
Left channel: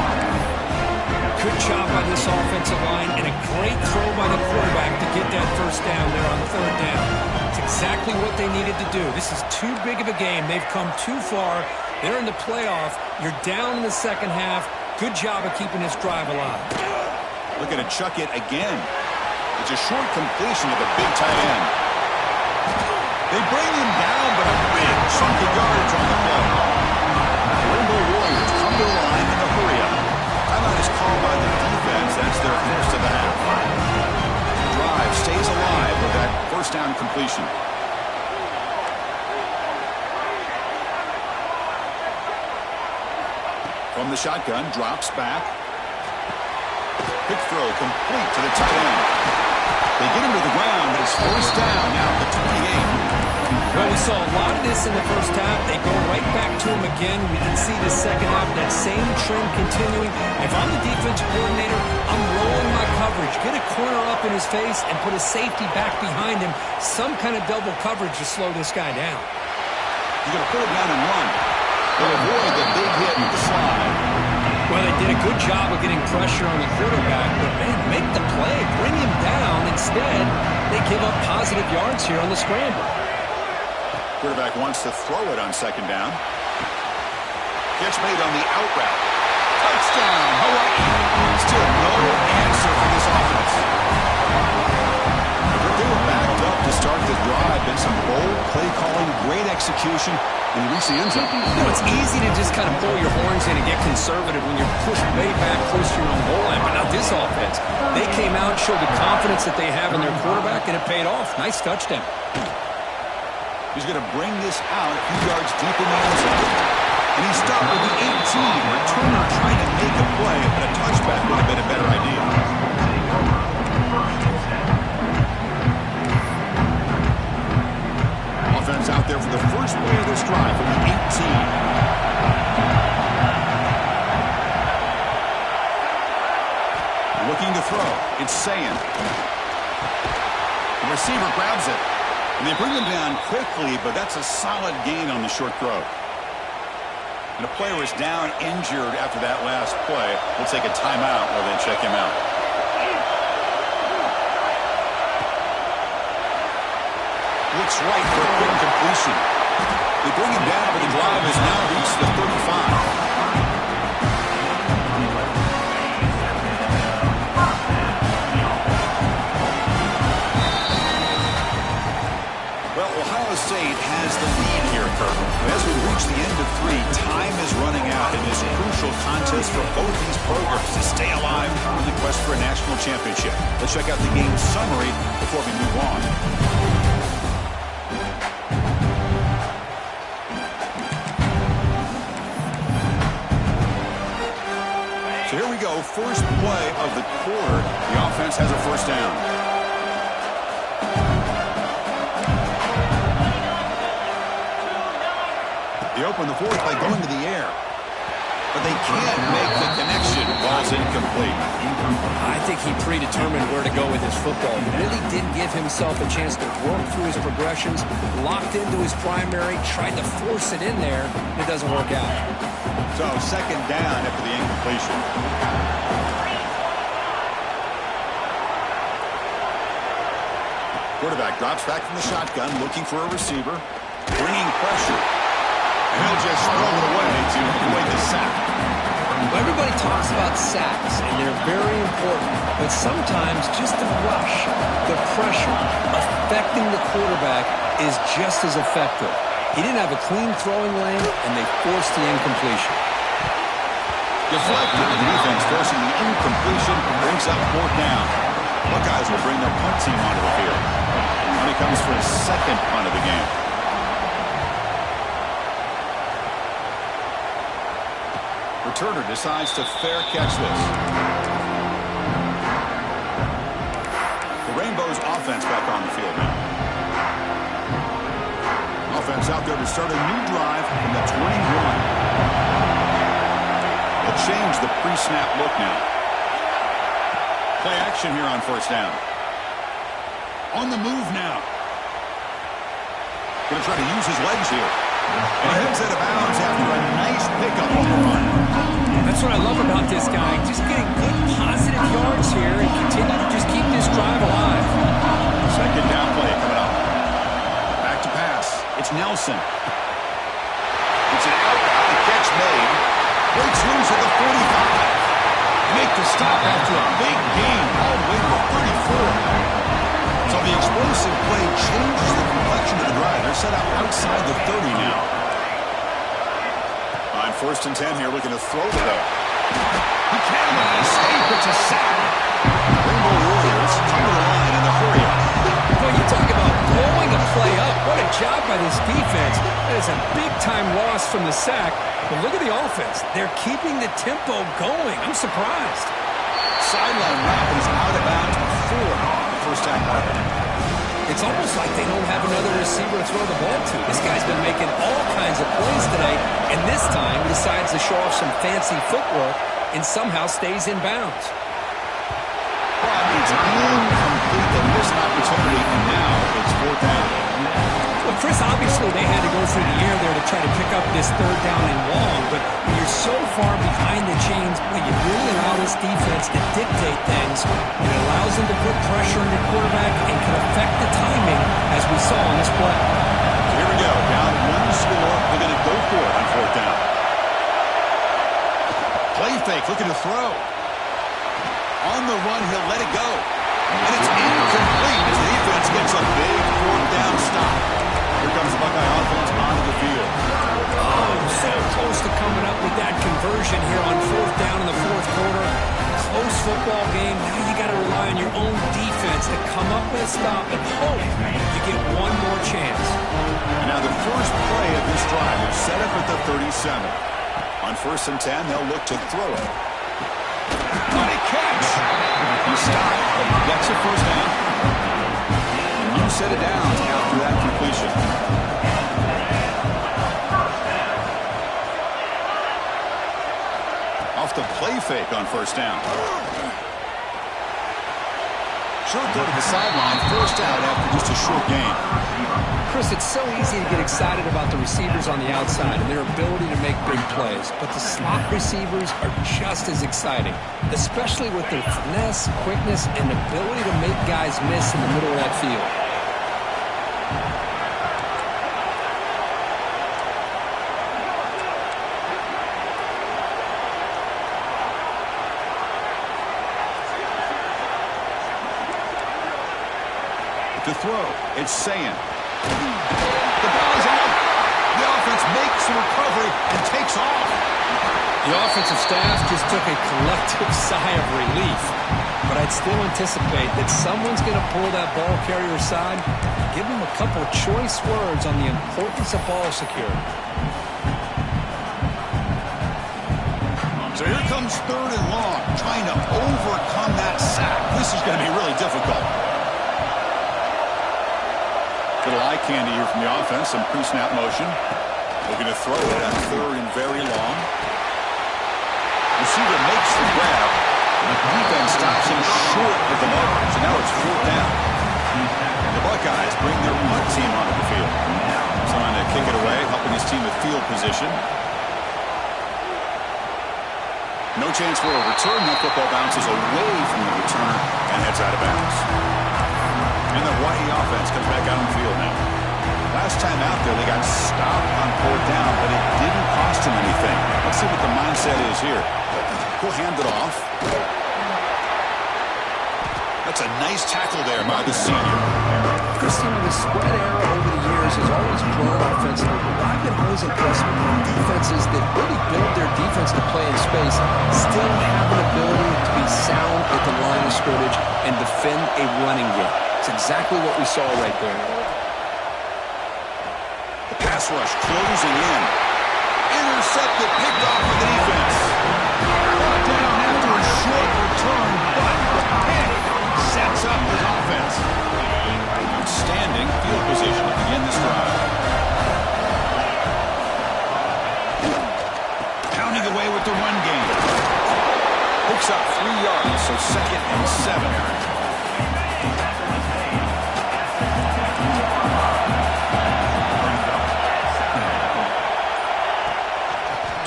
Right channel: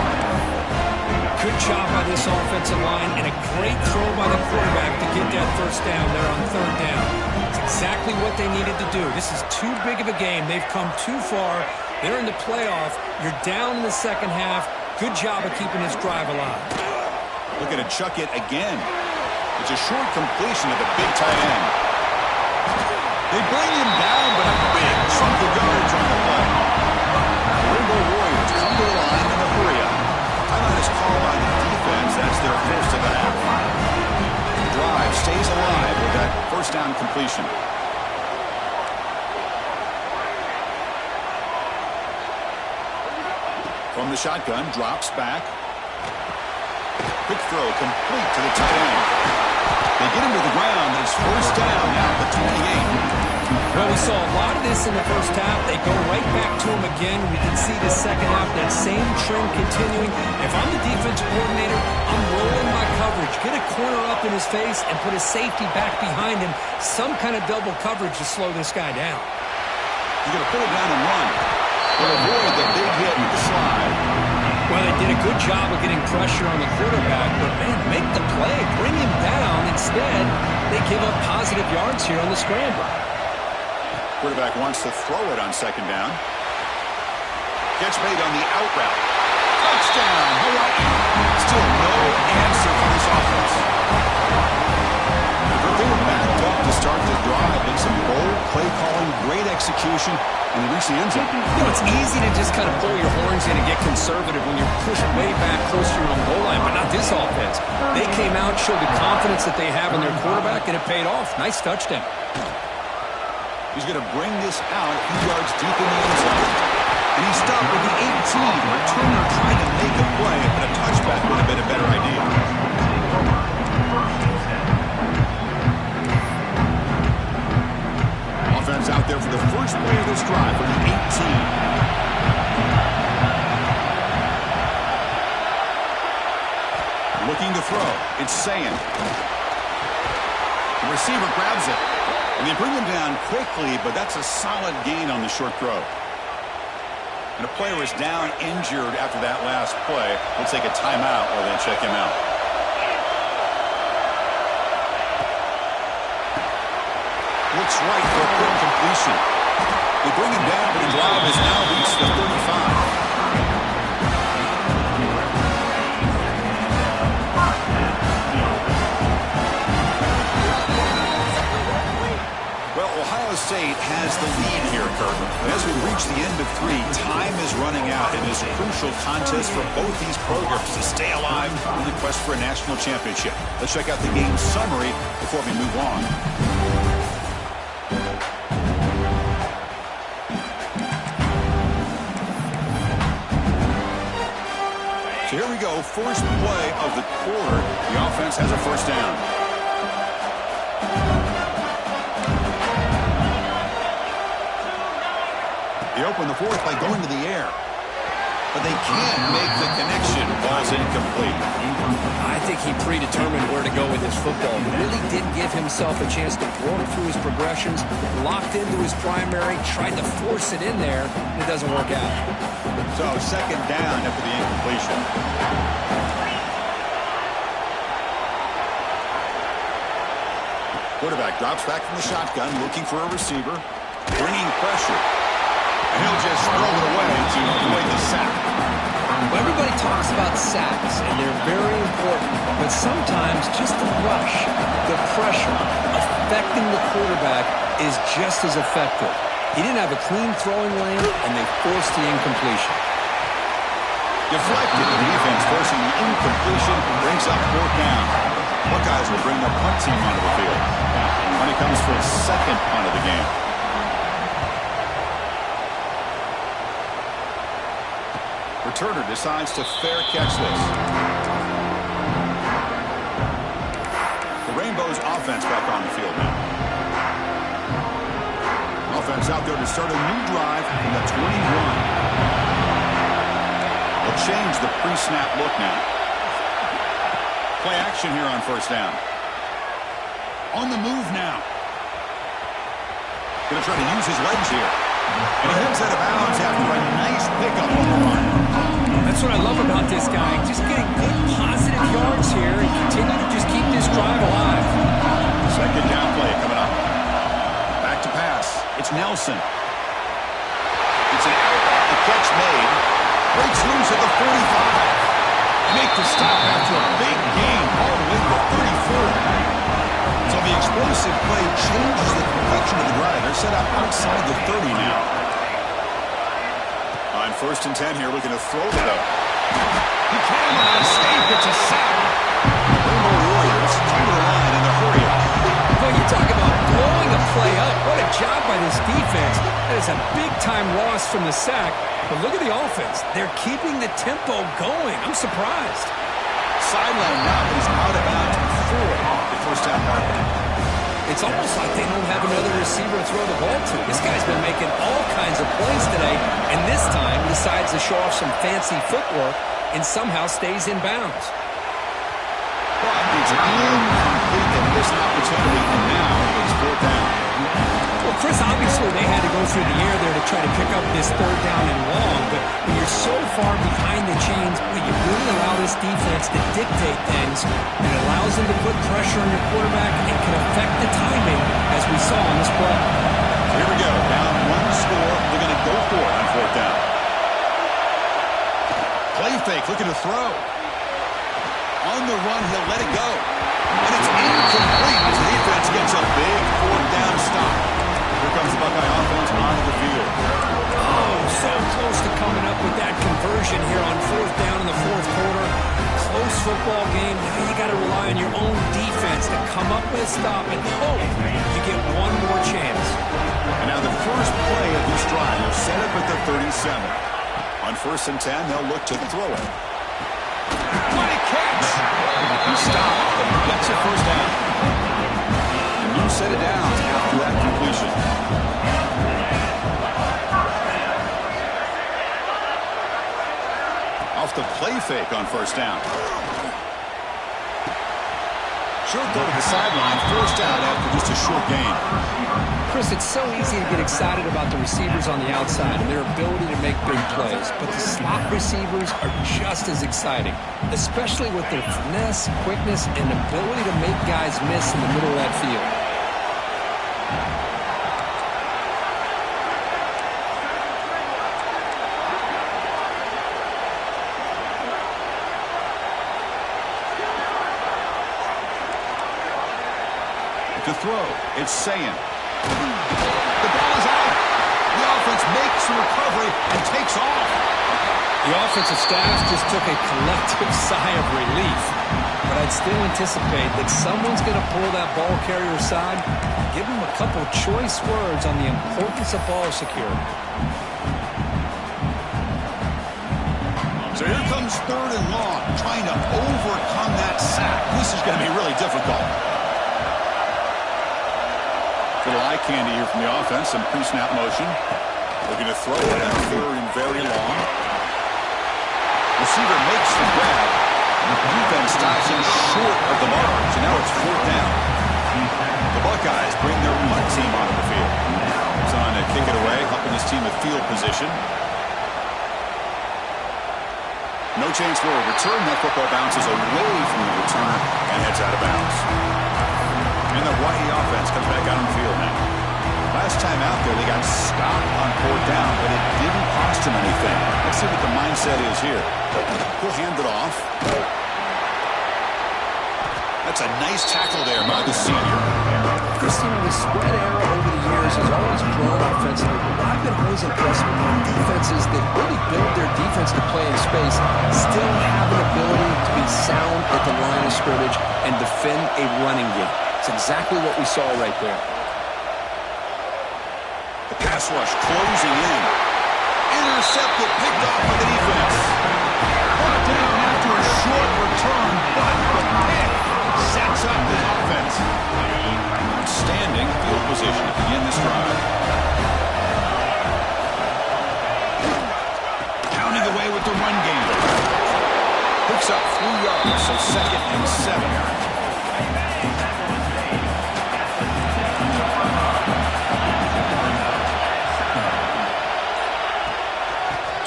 Good job by this offensive line, and a great throw by the quarterback to get that 1st down there on 3rd down. It's exactly what they needed to do. This is too big of a game. They've come too far. They're in the playoff. You're down in the 2nd half. Good job of keeping this drive alive. Looking to chuck it again. It's a short completion to the big tight end. They bring him down, but a big chunk of yardage on the play. The Rainbow Warriors come to the line in a hurry-up. Timeout is called by the defense. That's their 1st of the half. The drive stays alive with that 1st down completion. From the shotgun, drops back. Quick throw complete to the tight end. They get him to the ground, but it's 1st down now at the 28. Well, we saw a lot of this in the 1st half. They go right back to him again. We can see the 2nd half, that same trend continuing. If I'm the defensive coordinator, I'm rolling my coverage. Get a corner up in his face and put a safety back behind him. Some kind of double coverage to slow this guy down. He's going to pull it down and run. They'll avoid the big hit with the slide. Well, they did a good job of getting pressure on the quarterback, but, man, make the play. Bring him down. Instead, they give up positive yards here on the scramble. Quarterback wants to throw it on 2nd down. Catch made on the out route. Touchdown, Hawaii. Still no answer for this offense. They were backed up to start the drive. Been some bold play calling, great execution, and they reached the end zone. You know, it's easy to just kind of pull your horns in and get conservative when you're pushed way back close to your own goal line, but not this offense. They came out, showed the confidence that they have in their quarterback, and it paid off. Nice touchdown. He's going to bring this out a few yards deep in the end zone. And he stopped with the 18. Returner trying to make a play, but a touchback would have been a better idea. Offense out there for the first play of this drive from the 18. Looking to throw. It's Sayan. The receiver grabs it. And they bring him down quickly, but that's a solid gain on the short throw. And a player is down injured after that last play. We'll take a timeout while they check him out. Looks right for a quick completion. They bring him down, but the drive has now reached the 35. Ohio State has the lead here, Kurt. But as we reach the end of 3, time is running out in this crucial contest for both these programs to stay alive in the quest for a national championship. Let's check out the game summary before we move on. So here we go, first play of the quarter. The offense has a first down. They open the fourth by going to the air. But they can't make the connection. Ball's incomplete. I think he predetermined where to go with his football. He really did give himself a chance to work through his progressions, locked into his primary, tried to force it in there, and it doesn't work out. So second down after the incompletion. Quarterback drops back from the shotgun, looking for a receiver, bringing pressure. And he'll just throw it away to avoid the sack. Well, everybody talks about sacks, and they're very important. But sometimes just the rush, the pressure, affecting the quarterback is just as effective. He didn't have a clean throwing lane, and they forced the incompletion. Deflected, the defense forcing the incompletion, brings up fourth down. Buckeyes will bring their punt team onto the field. When it comes for his second punt of the game. Returner decides to fair catch this. The Rainbows offense back on the field now. Offense out there to start a new drive from the 21. They'll change the pre-snap look now. Play action here on first down. On the move now. Going to try to use his legs here. And he heads out of bounds after a nice pickup on the run. That's what I love about this guy. Just getting good positive yards here and continue to just keep this drive alive. Second down play coming up. Back to pass. It's Nelson. It's an out. The catch made. Breaks loose at the 45. Make the stop after a big gain all the way to the 34. So the explosive play changes the complexion of the drive. They're set up outside the 30 now. On first and 10 here, looking to throw the ball. He cannot escape. It's a sack. Rainbow Warriors come to the line in the hurry up. Well, you talk about blowing a play up. What a job by this defense. That is a big-time loss from the sack. But look at the offense. They're keeping the tempo going. I'm surprised. Sideline route is out of bounds before the first down marker. It's almost like they don't have another receiver to throw the ball to. This guy's been making all kinds of plays today, and this time he decides to show off some fancy footwork and somehow stays in bounds. But it's incomplete. They missed an opportunity, and now it's fourth down. Well, Chris, obviously they had to go through the air there to try to pick up this third down and long, but when you're so far behind the chains, well, you really allow this defense to dictate things. It allows them to put pressure on your quarterback and can affect the timing, as we saw on this play. Here we go. Down one score. They're going to go for it on fourth down. Play fake, looking to throw. On the run, he'll let it go. And it's incomplete as the defense gets a big fourth down stop. Here comes the Buckeye offense onto the field. Oh, so close to coming up with that conversion here on fourth down in the fourth quarter. Close football game. Now you got to rely on your own defense to come up with a stop and hope you get one more chance. And now the first play of this drive is set up at the 37. On first and 10, they'll look to throw it. What a catch! He stopped. He gets a first down. A new set of downs after that completion. Off the play fake on first down. Short throw to the sideline, forced out after just a short gain. Chris, it's so easy to get excited about the receivers on the outside and their ability to make big plays, but the slot receivers are just as exciting, especially with their finesse, quickness, and ability to make guys miss in the middle of that field. To throw, it's Sayin. The The ball is out. The offense makes the recovery and takes off. The offensive staff just took a collective sigh of relief. But I'd still anticipate that someone's going to pull that ball carrier aside, give him a couple choice words on the importance of ball security. So here comes 3rd and long, trying to overcome that sack. This is going to be really difficult. Little eye candy here from the offense, some pre-snap motion. Looking to throw it at 3rd and very long. Receiver makes the grab. The defense stops him short of the mark. So now it's 4th down. The Buckeyes bring their punt team onto the field. He's on to kick it away, helping his team with field position. No chance for a return. That football bounces away from the returner and heads out of bounds. And the Hawaii offense comes back out on the field now. Last time out there, they got stopped on 4th down, but it didn't cost him anything. Let's see what the mindset is here. He'll hand it off. That's a nice tackle there by the senior. Christine, the spread era over the years has always grown offensively, but what I've been always impressed with defenses that really build their defense to play in space still have an ability to be sound at the line of scrimmage and defend a running game. It's exactly what we saw right there. The pass rush closing in. Intercepted, picked off by the defense. Brought down after a short return, but the pick sets up his offense. Outstanding field position to begin this drive. Pounding away with the run game. Picks up 3 yards, so 2nd and 7.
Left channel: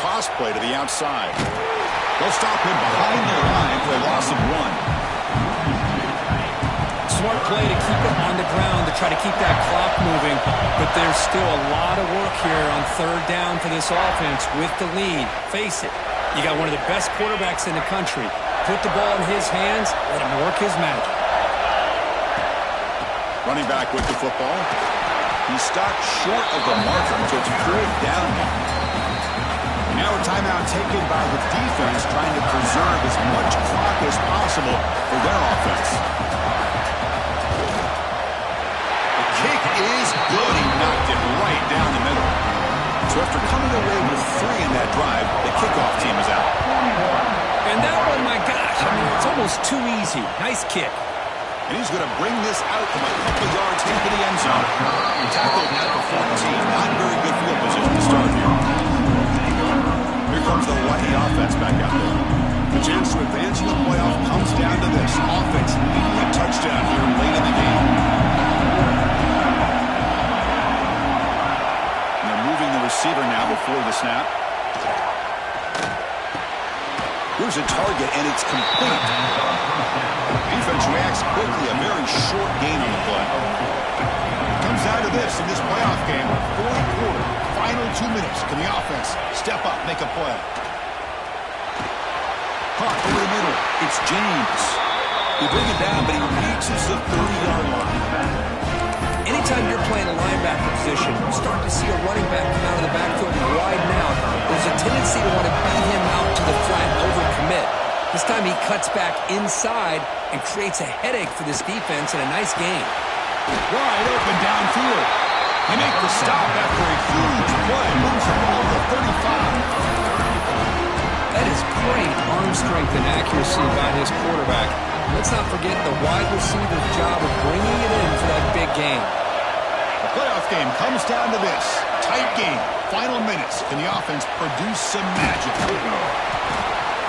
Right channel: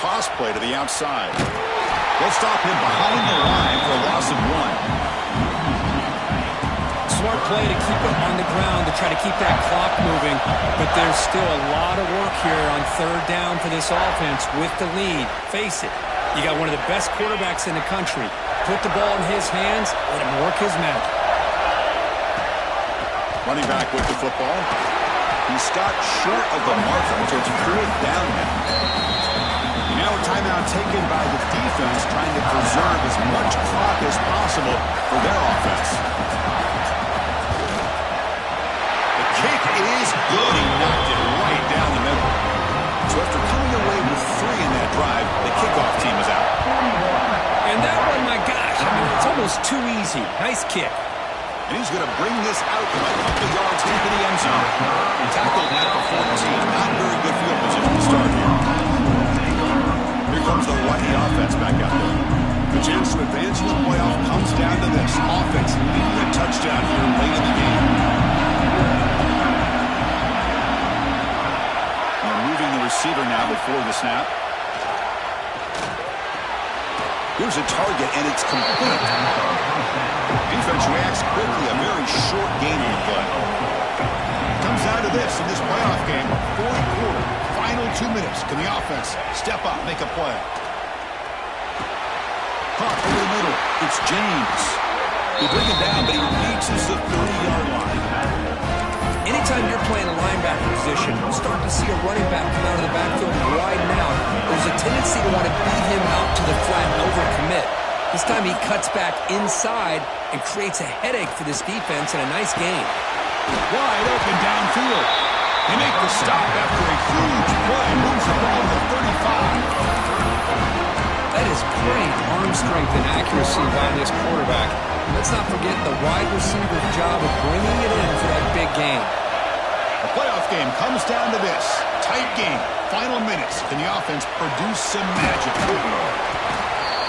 Toss play to the outside. They'll stop him behind the line for a loss of 1. Smart play to keep it on the ground to try to keep that clock moving, but there's still a lot of work here on 3rd down for this offense with the lead. Face it, you got one of the best quarterbacks in the country. Put the ball in his hands, let him work his magic. Running back with the football. He stopped short of the marker, so it's 4th down now. Now a timeout taken by the defense, trying to preserve as much clock as possible for their offense. The kick is good. He knocked it right down the middle. So after coming away with 3 in that drive, the kickoff team is out. And that one, my gosh, I mean, it's almost too easy. Nice kick. And he's going to bring this out from a couple yards into the end zone. Tackled at the 14. Not very good field position to start here. Here comes the Hawaii offense back out there. The chance to advance in the playoff comes down to this. Offense needing a touchdown here late in the game. And they're moving the receiver now before the snap. Here's a target, and it's complete. Defense reacts quickly. A very short gain on the play. Comes down to this in this playoff game. 4th quarter. Final 2 minutes. Can the offense step up, make a play? Caught over the middle. It's James. They bring him down, but he reaches the 30-yard line. Anytime you're playing a linebacker position, you start to see a running back come out of the backfield and widen out. There's a tendency to want to beat him out to the flat and overcommit. This time he cuts back inside and creates a headache for this defense and a nice gain. Wide open downfield. He makes the stop after a huge play. Moves the ball to the 35. That is great arm strength and accuracy by this quarterback. Let's not forget the wide receiver's job of bringing it in for that big game. The playoff game comes down to this. Tight game. Final minutes. Can the offense produce some magic?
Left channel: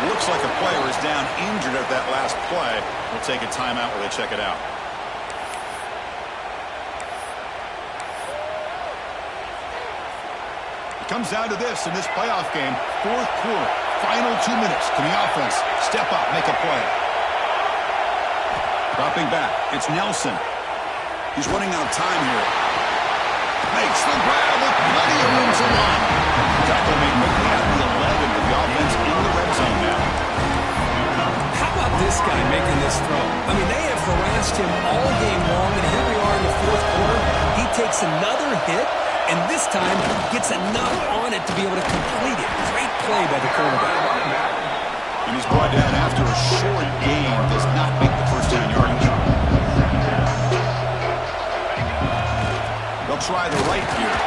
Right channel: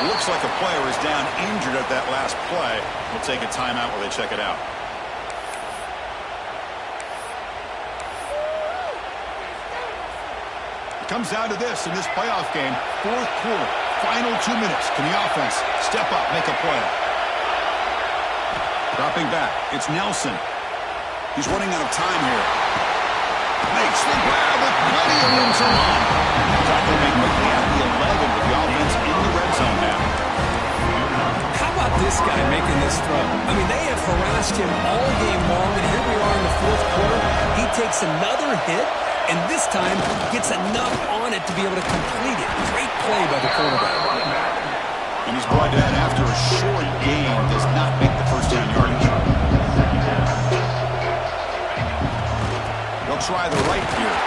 Looks like a player is down injured at that last play. We'll take a timeout while they check it out. It comes down to this in this playoff game. 4th quarter. Final 2 minutes. Can the offense step up, make a play? Dropping back. It's Nelson. He's running out of time here. Makes the grab with plenty of room to run. Tackle made quickly at the 11 with the offense in the red zone now. How about about this guy making this throw? I mean, they have harassed him all game long, and here we are in the fourth quarter. He takes another hit, and this time gets enough on it to be able to complete it. Great play by the quarterback. And he's brought down after a short gain. Does not make the first down yardage. They'll try the right here.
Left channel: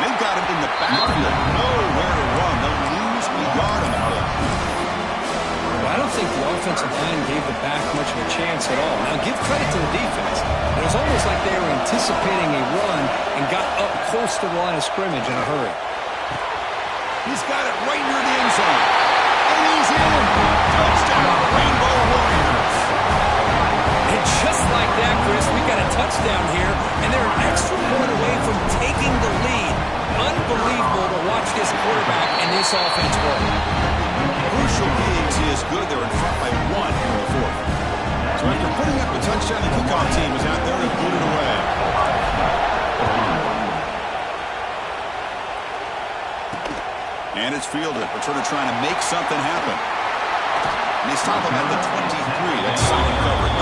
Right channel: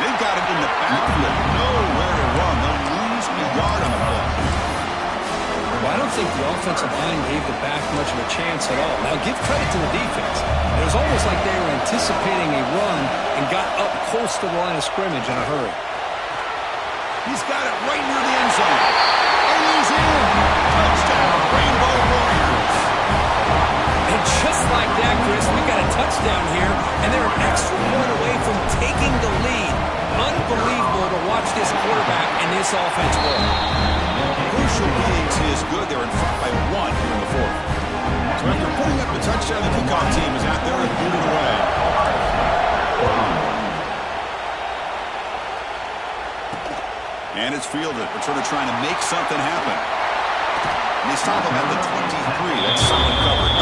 They've got him in the backfield. Nowhere to run. They'll lose a yard on the play. Well, I don't think the offensive line gave the back much of a chance at all. Now, give credit to the defense. It was almost like they were anticipating a run and got up close to the line of scrimmage in a hurry. He's got it right near the end zone. And he's in. Touchdown, Rainbow Warriors. And just like that, Chris, we got a touchdown here, and they're an extra point away from taking the lead. Unbelievable to watch this quarterback and this offense work. Crucial being is good. They're in front by 1 here in the fourth. So after putting up the touchdown, the kickoff team is out there and boot it away. And it's fielded. Returner trying to make something happen. And they stop him at the 23. That's solid coverage.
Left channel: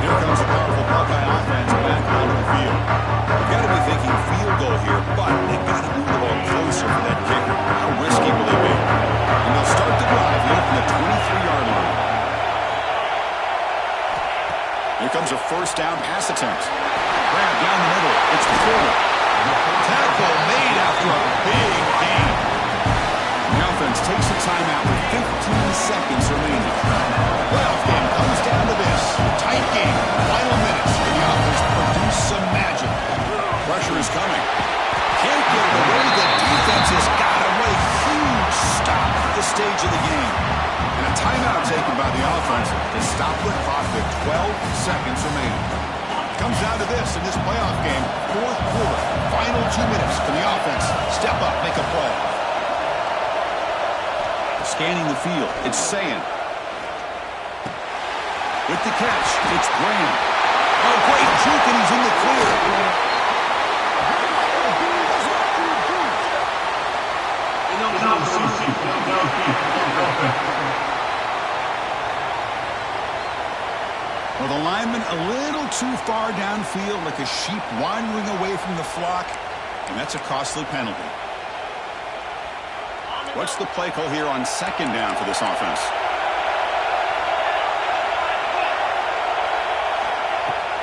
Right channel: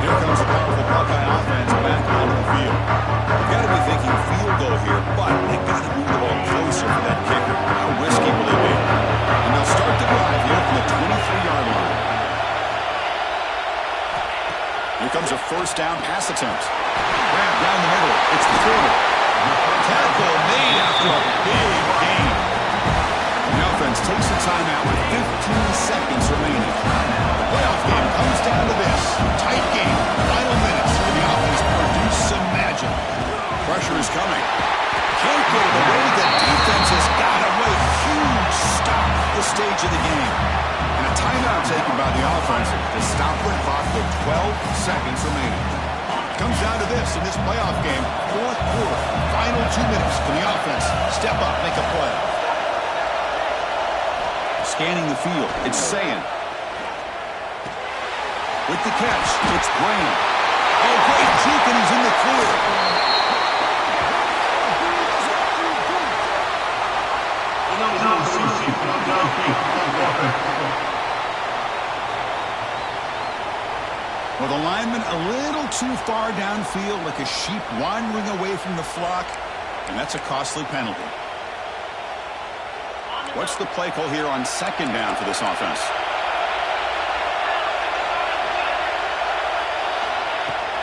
Here comes a powerful Buckeye offense back onto the field. You've got to be thinking field goal here, but they've got to move the ball closer for that kicker. How risky will they be? And they'll start the drive here from the 23-yard line. Here comes a first down pass attempt. Grab down the middle. It's the Porter. Tackle made after a big gain. The offense takes a timeout with 15 seconds remaining. The playoff game comes down to this. Tight game. Final minutes. And the offense produce some magic. Pressure is coming. Can't get it away. The defense has got away. Huge stop at the stage of the game. And a timeout taken by the offense to stop the clock with 12 seconds remaining. Comes down to this in this playoff game. Fourth quarter. Final 2 minutes. Can the offense step up, make a play? Scanning the field. It's Sayan. With the catch, it's Graham. Oh, great juke, and he's in the clear. Well, the lineman a little too far downfield, like a sheep wandering away from the flock, and that's a costly penalty. What's the play call here on second down for this offense?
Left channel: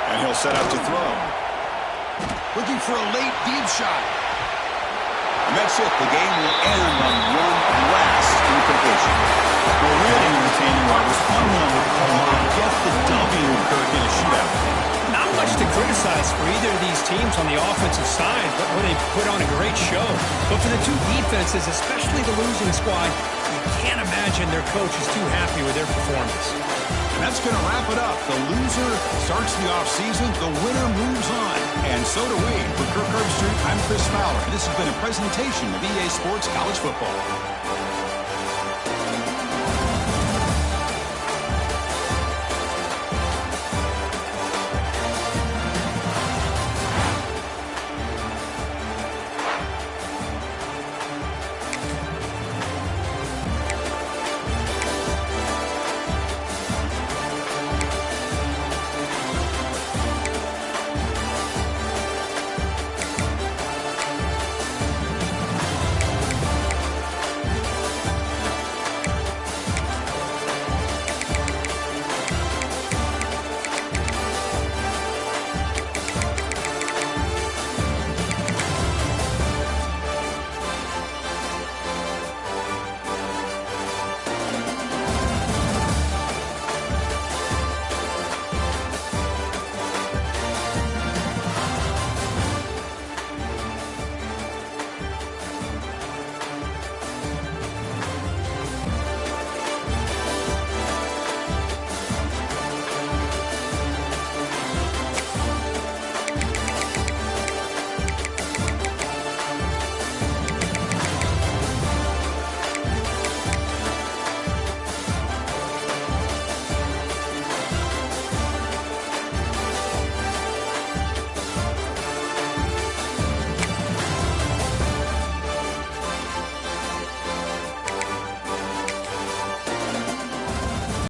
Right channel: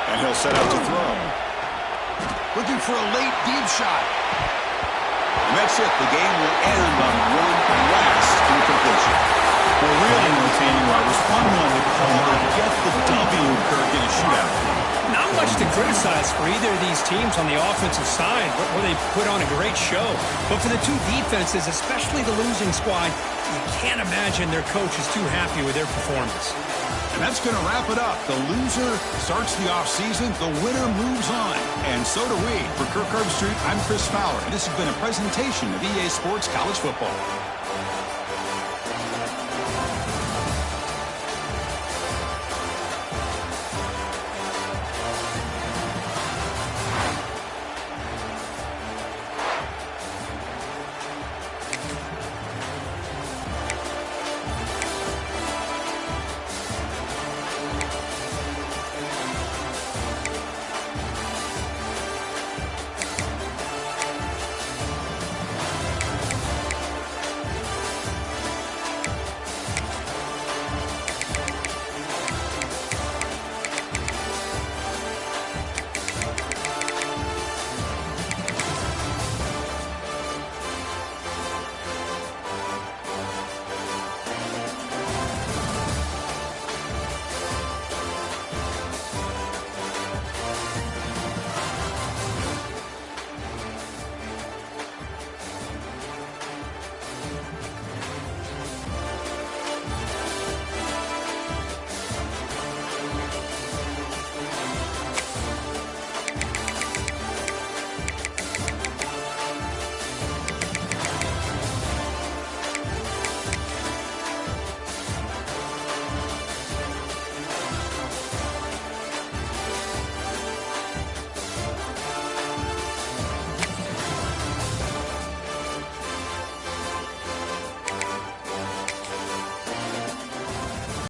And he'll set out to throw. Looking for a late deep shot. And that's it. The game will end on one last incompletion. Well, really entertaining, Roberts. Fun one to call and get the W in a shootout. Not much to criticize for either of these teams on the offensive side, where they put on a great show. But for the two defenses, especially the losing squad, you can't imagine their coach is too happy with their performance. And that's going to wrap it up. The loser starts the offseason. The winner moves on. And so do we. For Kirk Herbstreit, I'm Chris Fowler. This has been a presentation of EA Sports College Football.